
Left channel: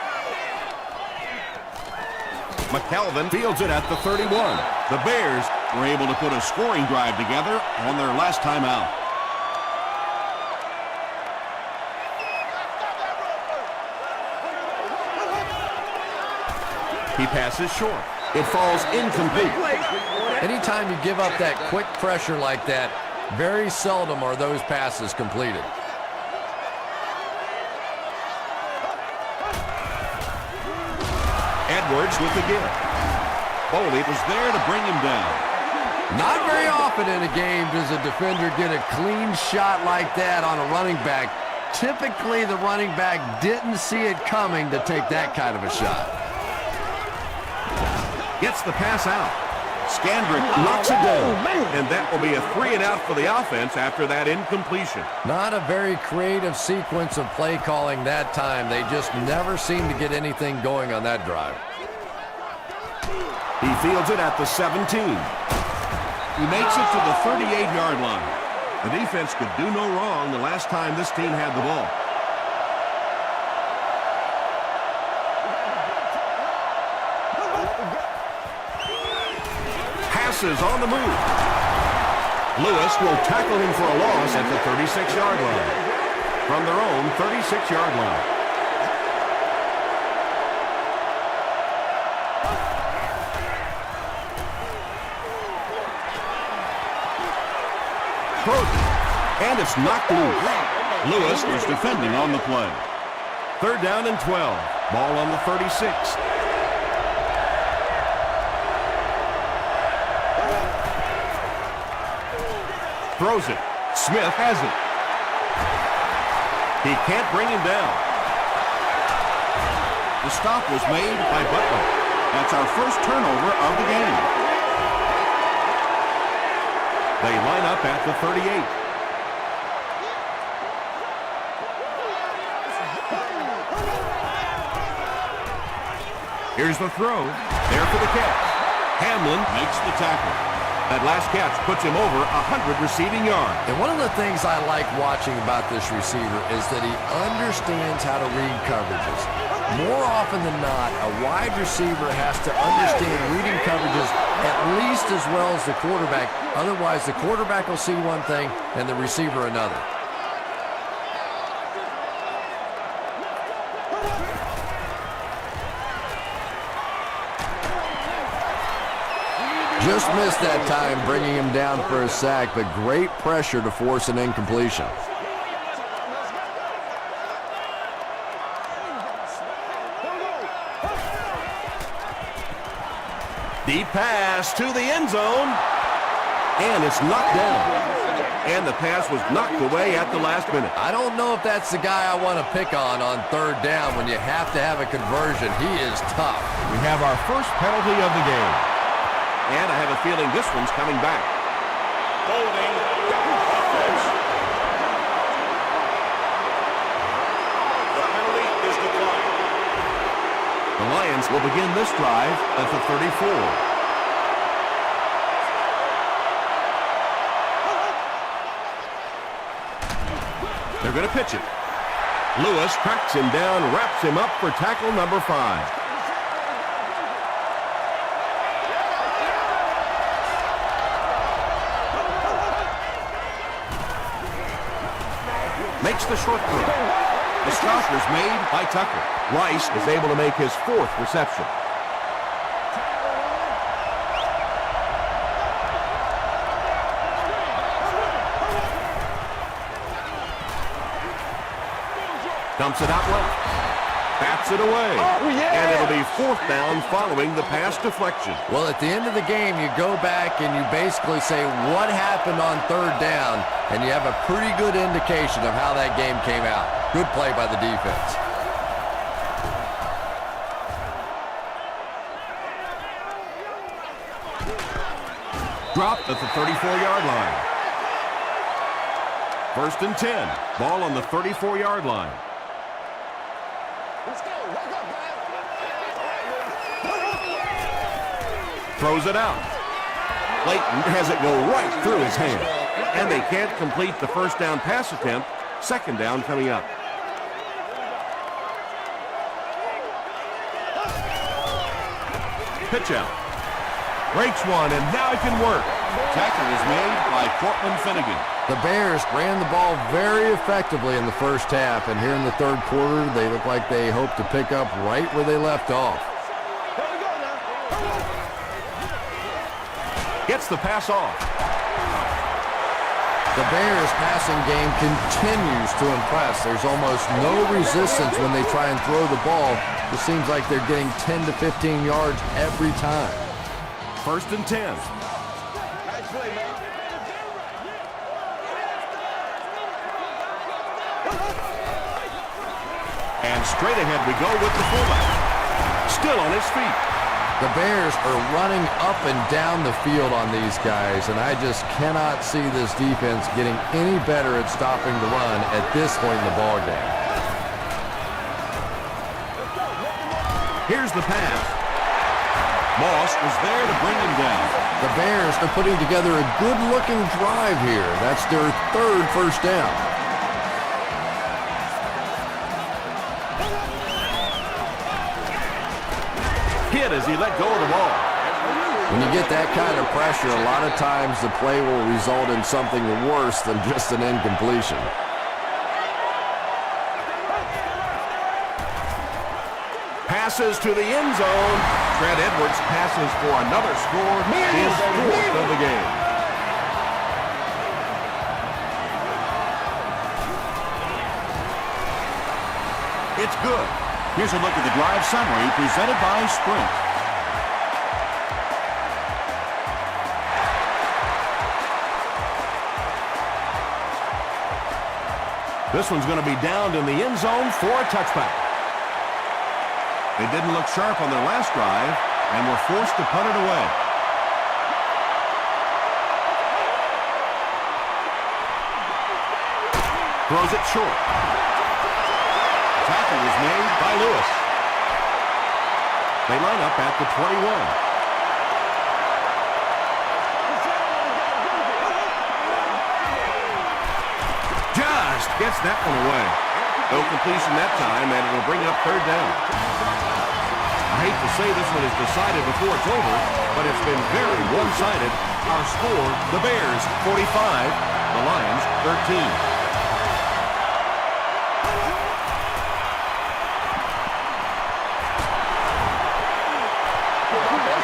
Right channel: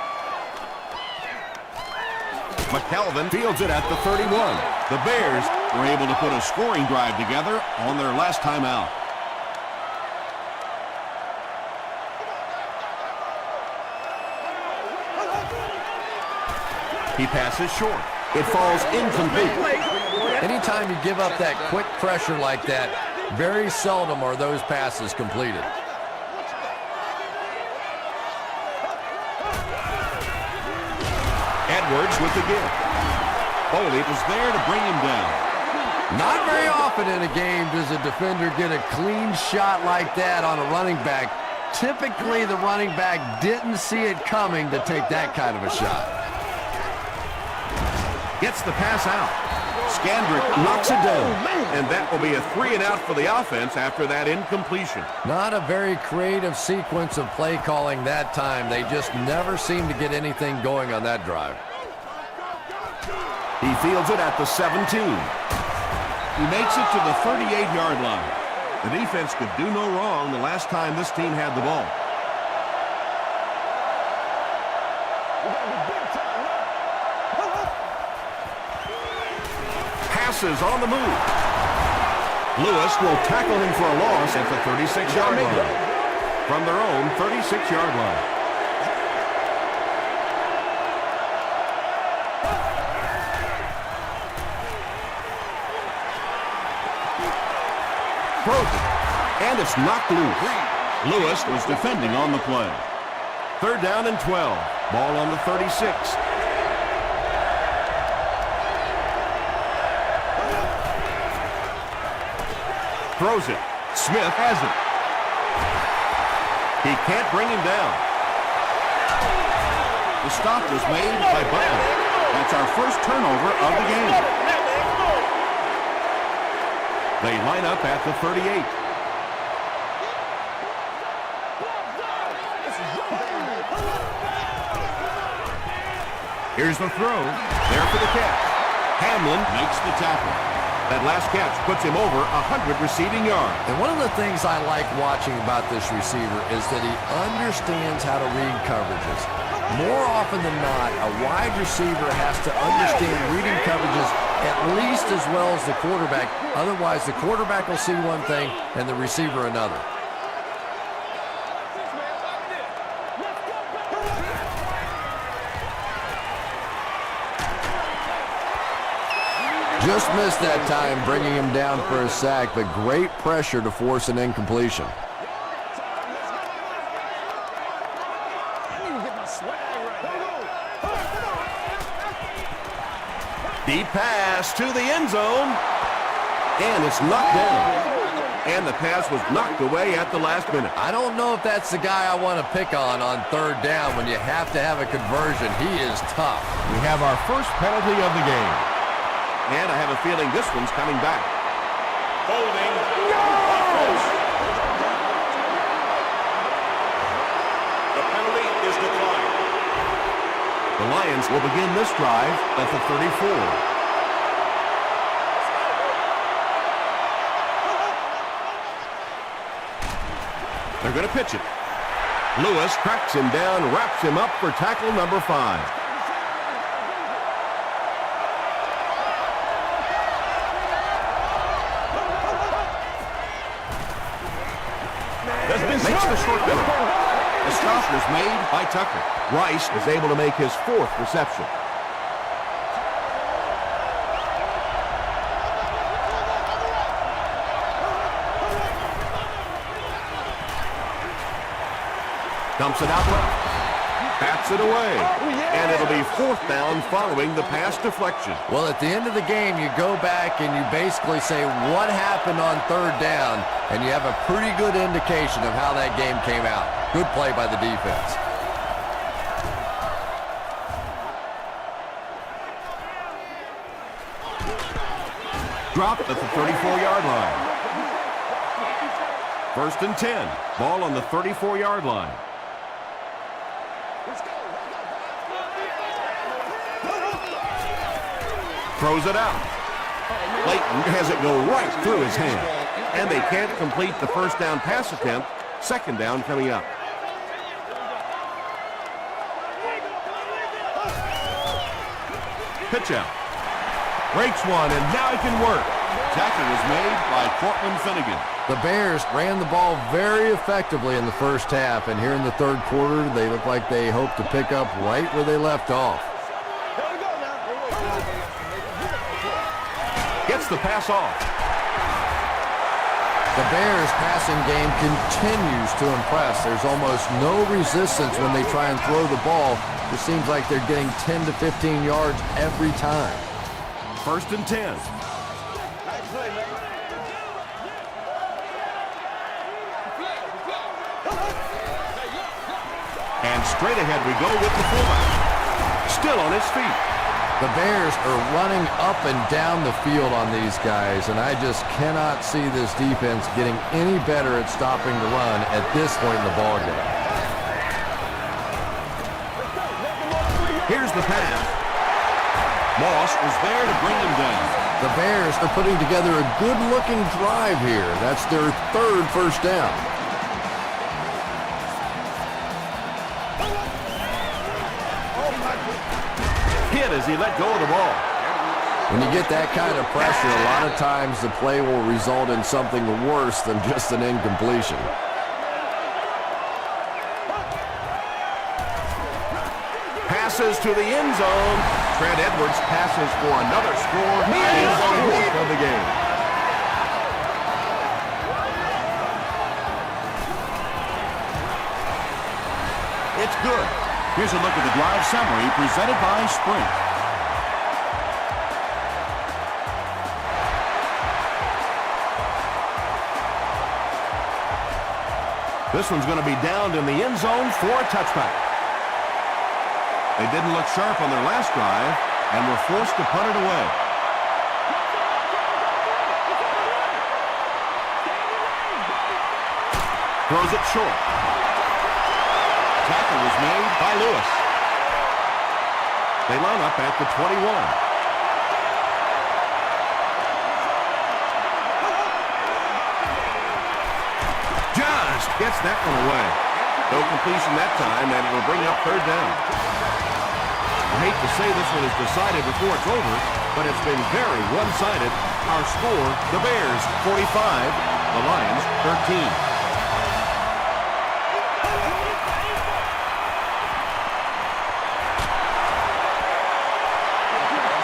McKelvin fields it at the 31. The Bears were able to put a scoring drive together on their last time out. He passes short. It falls incomplete. Anytime you give up that quick pressure like that, very seldom are those passes completed. Edwards with the give. Foley was there to bring him down. Not very often in a game does a defender get a clean shot like that on a running back. Typically, the running back didn't see it coming to take that kind of a shot. Gets the pass out. Scandrick knocks it down. And that will be a 3 and out for the offense after that incompletion. Not a very creative sequence of play calling that time. They just never seem to get anything going on that drive. He fields it at the 17. He makes it to the 38-yard line. The defense could do no wrong the last time this team had the ball. Passes on the move. Lewis will tackle him for a loss at the 36-yard line. From their own 36-yard line. Throws it, and it's knocked loose. Lewis was defending on the play. 3rd down and 12. Ball on the 36. Throws it. Smith has it. He can't bring him down. The stop was made by Butler. That's our first turnover of the game. They line up at the 38. Here's the throw. There for the catch. Hamlin makes the tackle. That last catch puts him over 100 receiving yards. And one of the things I like watching about this receiver is that he understands how to read coverages. More often than not, a wide receiver has to understand reading coverages at least as well as the quarterback. Otherwise, the quarterback will see one thing and the receiver another. Just missed that time, bringing him down for a sack, but great pressure to force an incompletion. Deep pass to the end zone. And it's knocked down. And the pass was knocked away at the last minute. I don't know if that's the guy I want to pick on 3rd down when you have to have a conversion. He is tough. We have our first penalty of the game. And I have a feeling this one's coming back. The Lions will begin this drive at the 34. They're going to pitch it. Lewis tracks him down, wraps him up for tackle number 5. Makes the short down. The stop was made by Tucker. Rice is able to make his 4th reception. Dumps it out left. Bats it away. And it'll be 4th down following the pass deflection. Well, at the end of the game, you go back and you basically say what happened on 3rd down, and you have a pretty good indication of how that game came out. Good play by the defense. Dropped at the 34-yard line. 1st and 10. Ball on the 34-yard line. Let's go. Wake up, guys. Throws it out. Clayton has it go right through his hand. And they can't complete the 1st down pass attempt. 2nd down coming up. Pitch out. Breaks one, and now he can work. Tackle was made by Cortland Finnegan. The Bears ran the ball very effectively in the 1st half, and here in the 3rd quarter, they look like they hope to pick up right where they left off. Here we go. gets the pass off. The Bears' passing game continues to impress. There's almost no resistance when they try and throw the ball. It seems like they're getting 10 to 15 yards every time. 1st and 10. Nice play, man. And straight ahead we go with the fullback. Still on his feet. The Bears are running up and down the field on these guys, and I just cannot see this defense getting any better at stopping the run at this point in the ballgame. Here's the pass. Moss was there to bring him down. The Bears are putting together a good-looking drive here. That's their 3rd first down. Hit as he let go of the ball. When you get that kind of pressure, a lot of times the play will result in something worse than just an incompletion. Passes to the end zone. Trent Edwards passes for another score. His 4th of the game. It's good. Here's a look at the drive summary presented by Sprint. This one's going to be downed in the end zone for a touchback. They didn't look sharp on their last drive and were forced to punt it away. Throws it short. Tackle was made by Lewis. They line up at the 21. Just gets that one away. No completion that time, and it'll bring up 3rd down. I hate to say this one is decided before it's over, but it's been very one-sided. Our score, the Bears 45, the Lions 13.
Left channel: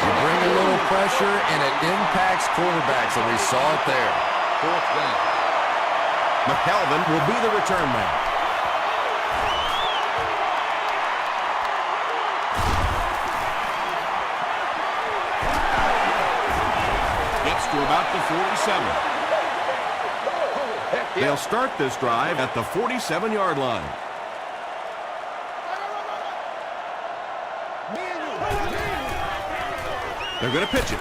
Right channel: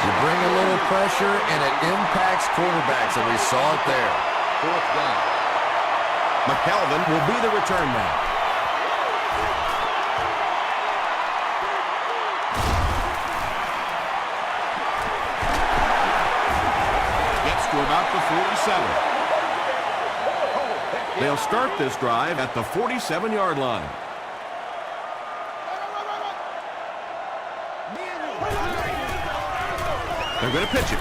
You bring a little pressure, and it impacts quarterbacks, and we saw it there. 4th down. McKelvin will be the return man. Gets to about the 47. They'll start this drive at the 47-yard line. They're going to pitch it.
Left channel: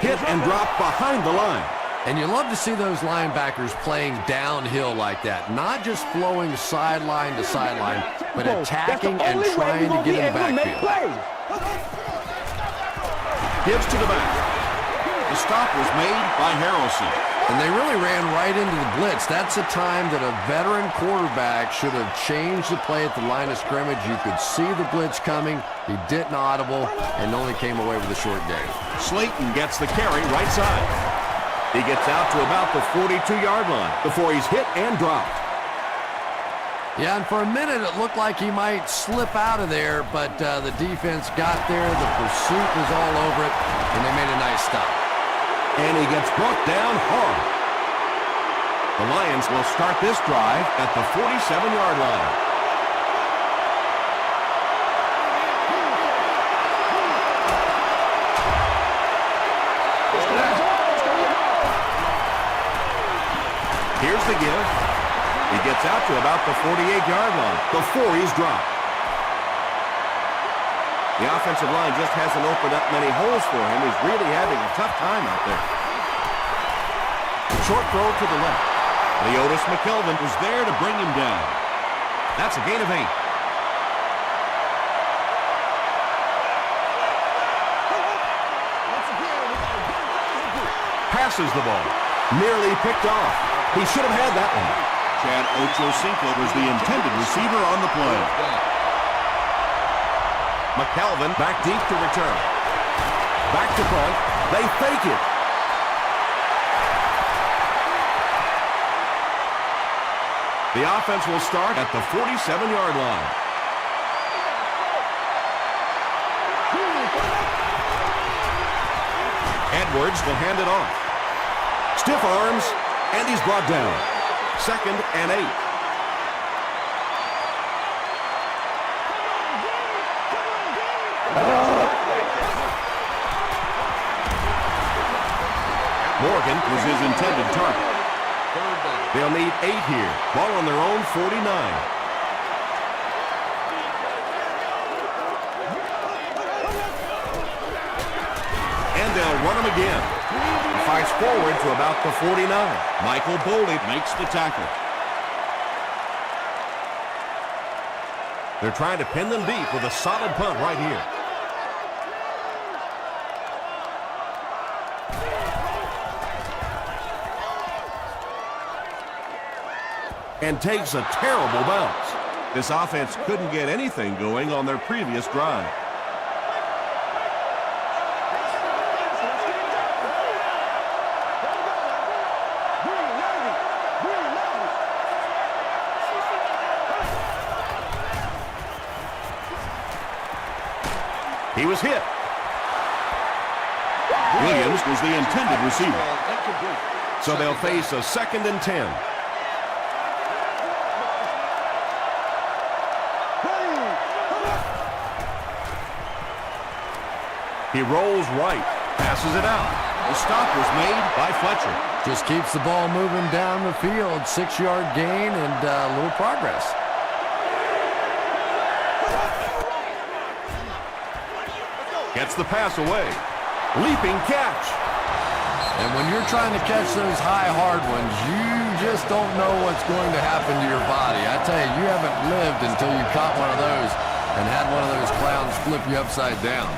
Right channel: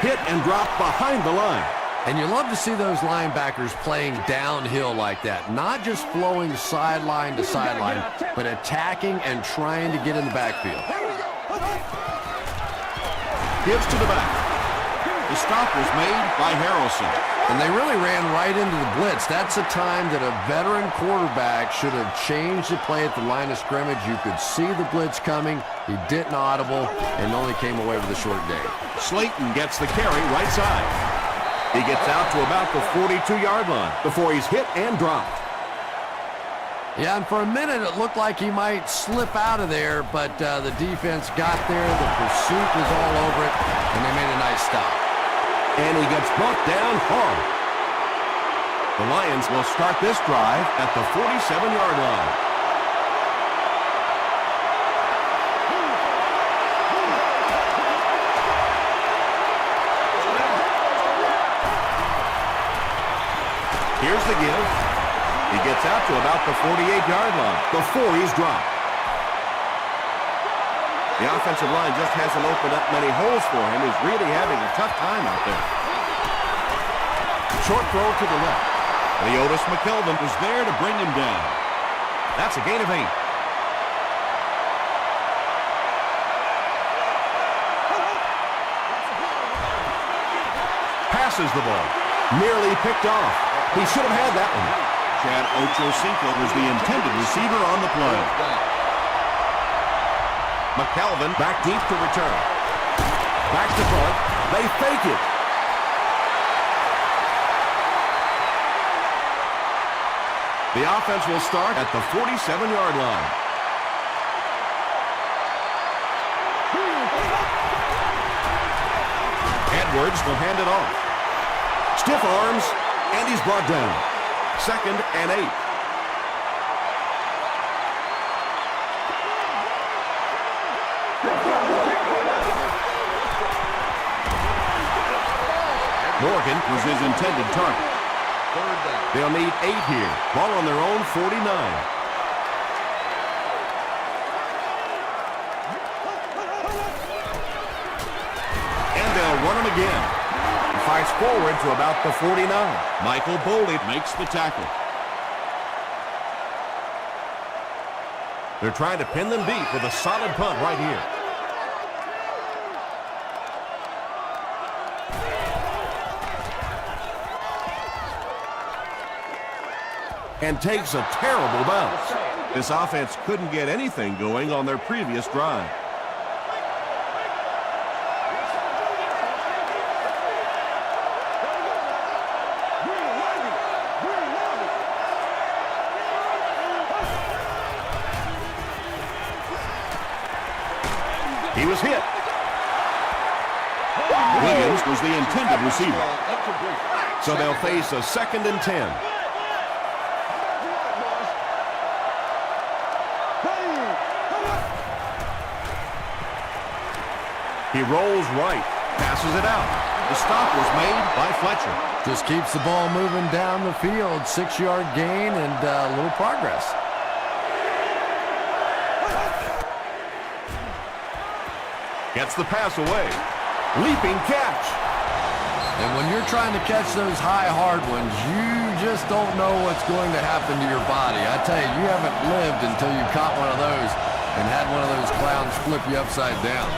Hit and drop behind the line. And you love to see those linebackers playing downhill like that, not just flowing sideline to sideline, but attacking and trying to get in the backfield. Gives to the back. The stop was made by Harrelson. And they really ran right into the blitz. That's a time that a veteran quarterback should have changed the play at the line of scrimmage. You could see the blitz coming. He didn't audible and only came away with a short gain. Slayton gets the carry right side. He gets out to about the 42-yard line before he's hit and dropped. Yeah, and for a minute it looked like he might slip out of there, but the defense got there. The pursuit was all over it, and they made a nice stop. And he gets brought down hard. The Lions will start this drive at the 47-yard line. Here's the give. He gets out to about the 48-yard line before he's dropped. The offensive line just hasn't opened up many holes for him. He's really having a tough time out there. The short throw to the left. Leotis McKelvin was there to bring him down. That's a gain of 8. Passes the ball. Nearly picked off. He should have had that one. Chad Ochocinco was the intended receiver on the play. McKelvin back deep to return. Back to front. They fake it. The offense will start at the 47-yard line. Edwards will hand it off. Stiff arms, and he's brought down. 2nd and 8. Morgan was his intended target. They'll need 8 here. Ball on their own 49. And they'll run him again. He fights forward to about the 49. Michael Boley makes the tackle. They're trying to pin them deep with a solid punt right here. And takes a terrible bounce. This offense couldn't get anything going on their previous drive. He was hit. Williams was the intended receiver. So they'll face a 2nd and 10. He rolls right, passes it out. The stop was made by Fletcher. Just keeps the ball moving down the field. 6-yard gain and a little progress. Gets the pass away. Leaping catch. And when you're trying to catch those high, hard ones, you just don't know what's going to happen to your body. I tell you, you haven't lived until you caught one of those and had one of those clowns flip you upside down.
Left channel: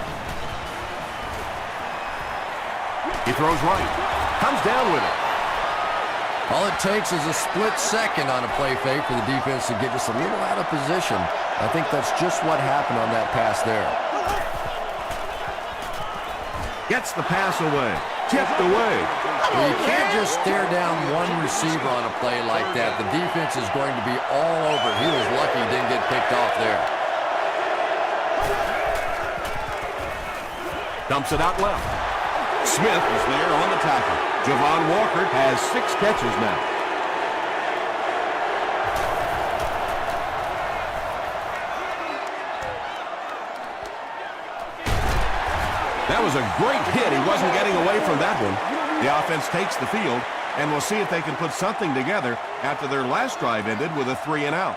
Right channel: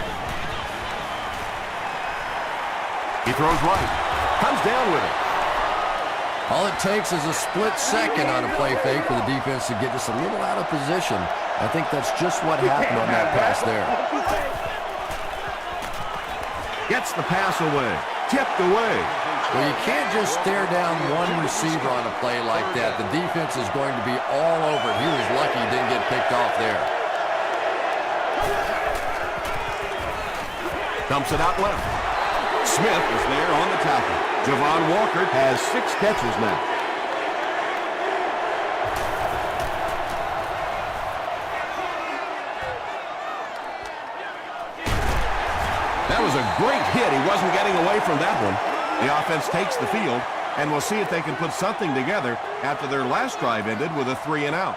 He throws right. Comes down with it. All it takes is a split second on a play fake for the defense to get just a little out of position. I think that's just what happened on that pass there. Gets the pass away. Tipped away. Well, you can't just stare down one receiver on a play like that. The defense is going to be all over it. He was lucky he didn't get picked off there. Dumps it out left. Smith was there on the tackle. Javon Walker has 6 catches now. That was a great hit. He wasn't getting away from that one. The offense takes the field, and we'll see if they can put something together after their last drive ended with a 3 and out.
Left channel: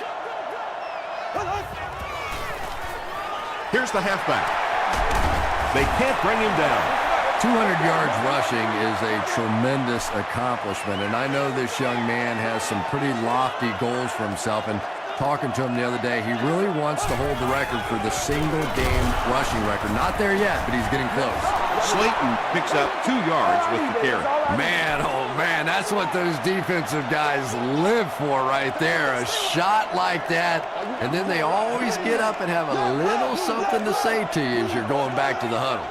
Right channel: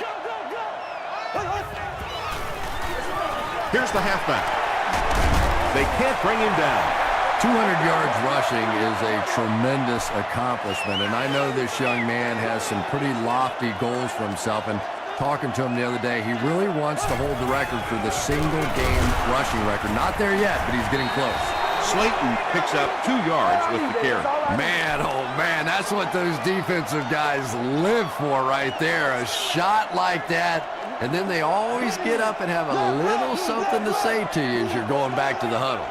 Go, go, go! Here's the halfback. They can't bring him down. 200 yards rushing is a tremendous accomplishment, and I know this young man has some pretty lofty goals for himself, and talking to him the other day, he really wants to hold the record for the single-game rushing record. Not there yet, but he's getting close. Slayton picks up 2 yards with the carry. Man, oh man, that's what those defensive guys live for right there. A shot like that, and then they always get up and have a little something to say to you as you're going back to the huddle.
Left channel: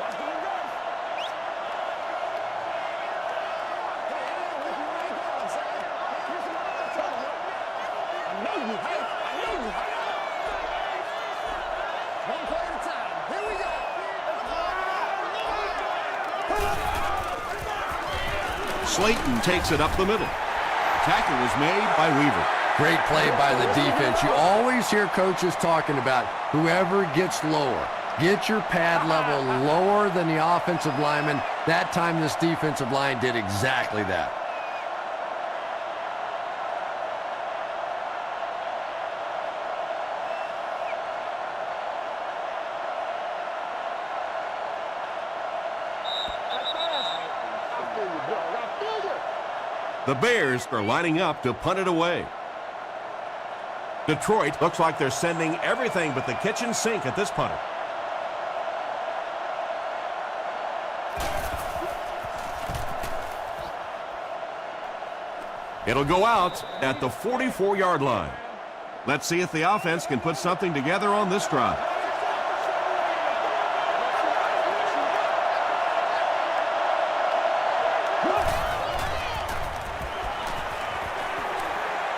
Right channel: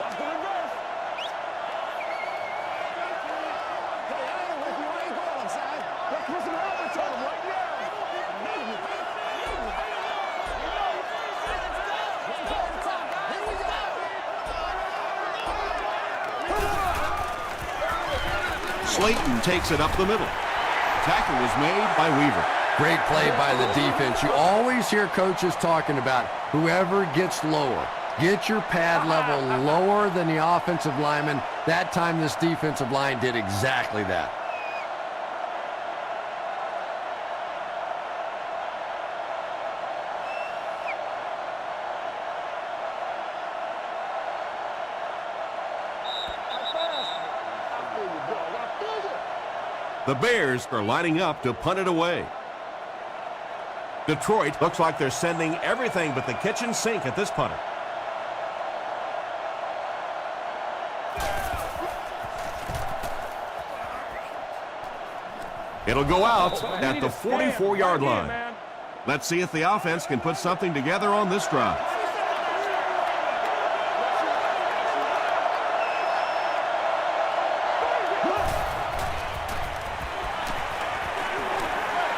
Watch the reverse. Hey, I ain't with you. I ain't going upside. Let's put some helmets on him right now. I know you hype. I know you hype. All right, let's go. One play at a time. Here we go. Slayton takes it up the middle. Tackle was made by Weaver. Great play by the defense. You always hear coaches talking about whoever gets lower. Get your pad level lower than the offensive lineman. That time this defensive line did exactly that. I feel you, dog. I feel you. The Bears are lining up to punt it away. Detroit looks like they're sending everything but the kitchen sink at this punter. It'll go out at the 44-yard line. Let's see if the offense can put something together on this drive.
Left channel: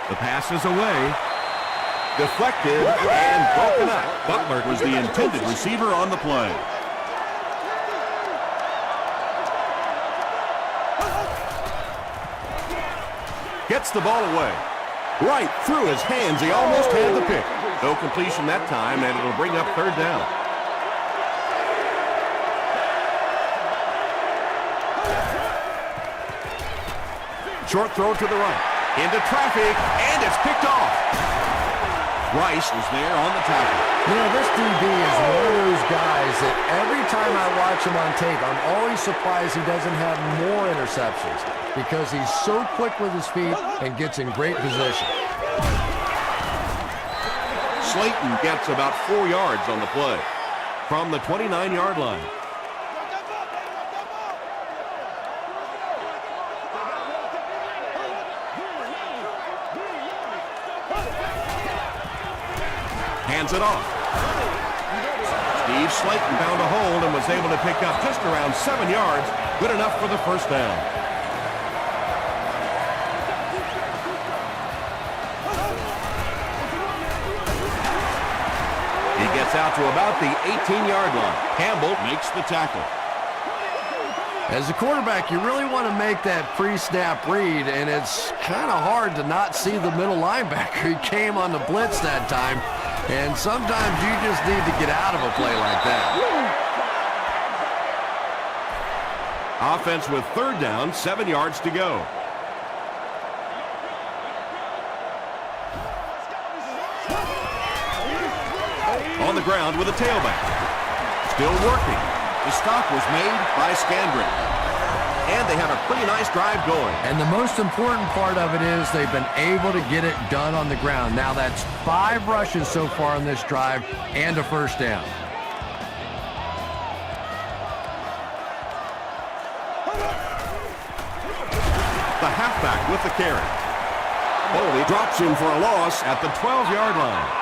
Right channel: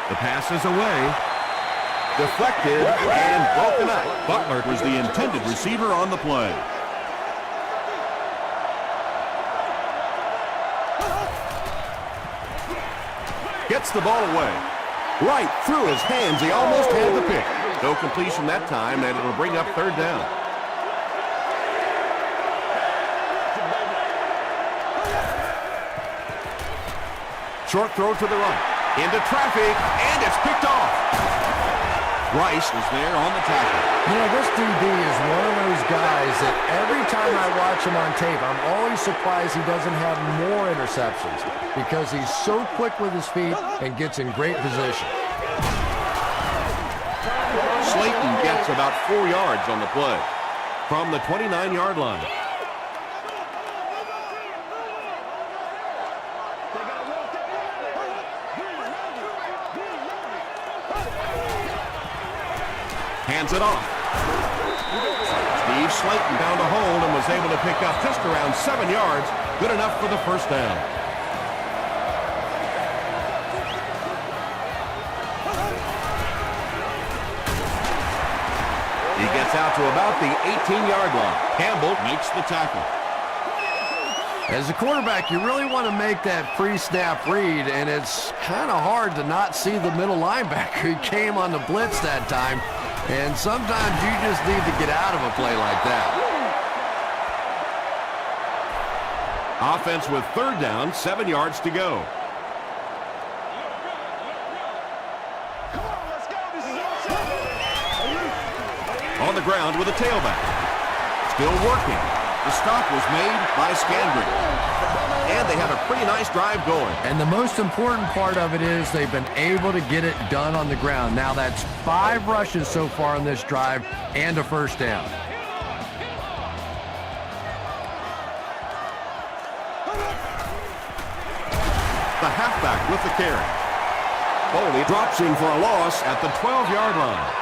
The Passes away. Deflected and broken up. Butler was the intended receiver on the play. Gets the ball away. Right through his hands. He almost had the pick. No completion that time, and it'll bring up third down. Short throw to the right. Into traffic, and it's picked off. Rice was there on the tackle. You know, this DB is one of those guys that every time I watch him on tape, I'm always surprised he doesn't have more interceptions because he's so quick with his feet and gets in great position. Slayton gets about 4 yards on the play from the 29-yard line. Hands it off. Steve Slayton found a hold and was able to pick up just around 7 yards. Good enough for the first down. He gets out to about the 18-yard line. Campbell makes the tackle. As a quarterback, you really want to make that pre-snap read, and it's kind of hard to not see the middle linebacker. He came on the blitz that time, and sometimes you just need to get out of a play like that. Offense with third down, 7 yards to go. On the ground with a tailback. Still working. The stop was made by Scandrick. And they have a pretty nice drive going. And the most important part of it is they've been able to get it done on the ground. Now that's 5 rushes so far on this drive and a first down. The halfback with the carry. Foley drops him for a loss at the 12-yard line.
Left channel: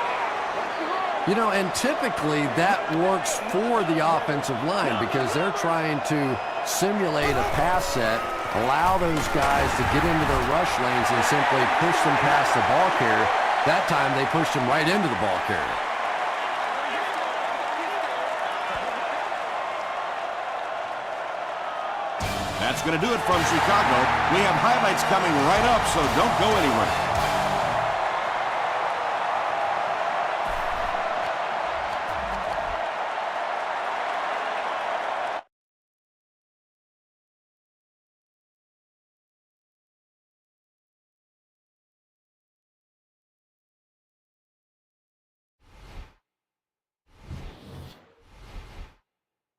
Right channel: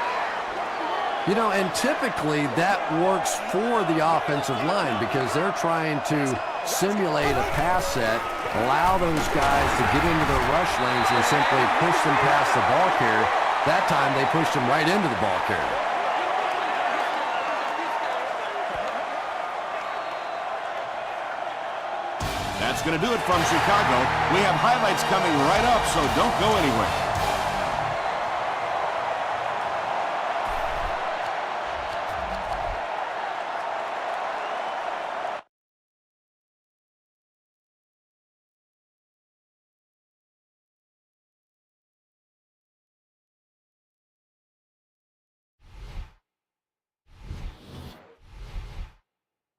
You know, and typically that works for the offensive line because they're trying to simulate a pass set, allow those guys to get into their rush lanes and simply push them past the ball carrier. That time they pushed him right into the ball carrier. That's going to do it from Chicago. We have highlights coming right up, so don't go anywhere.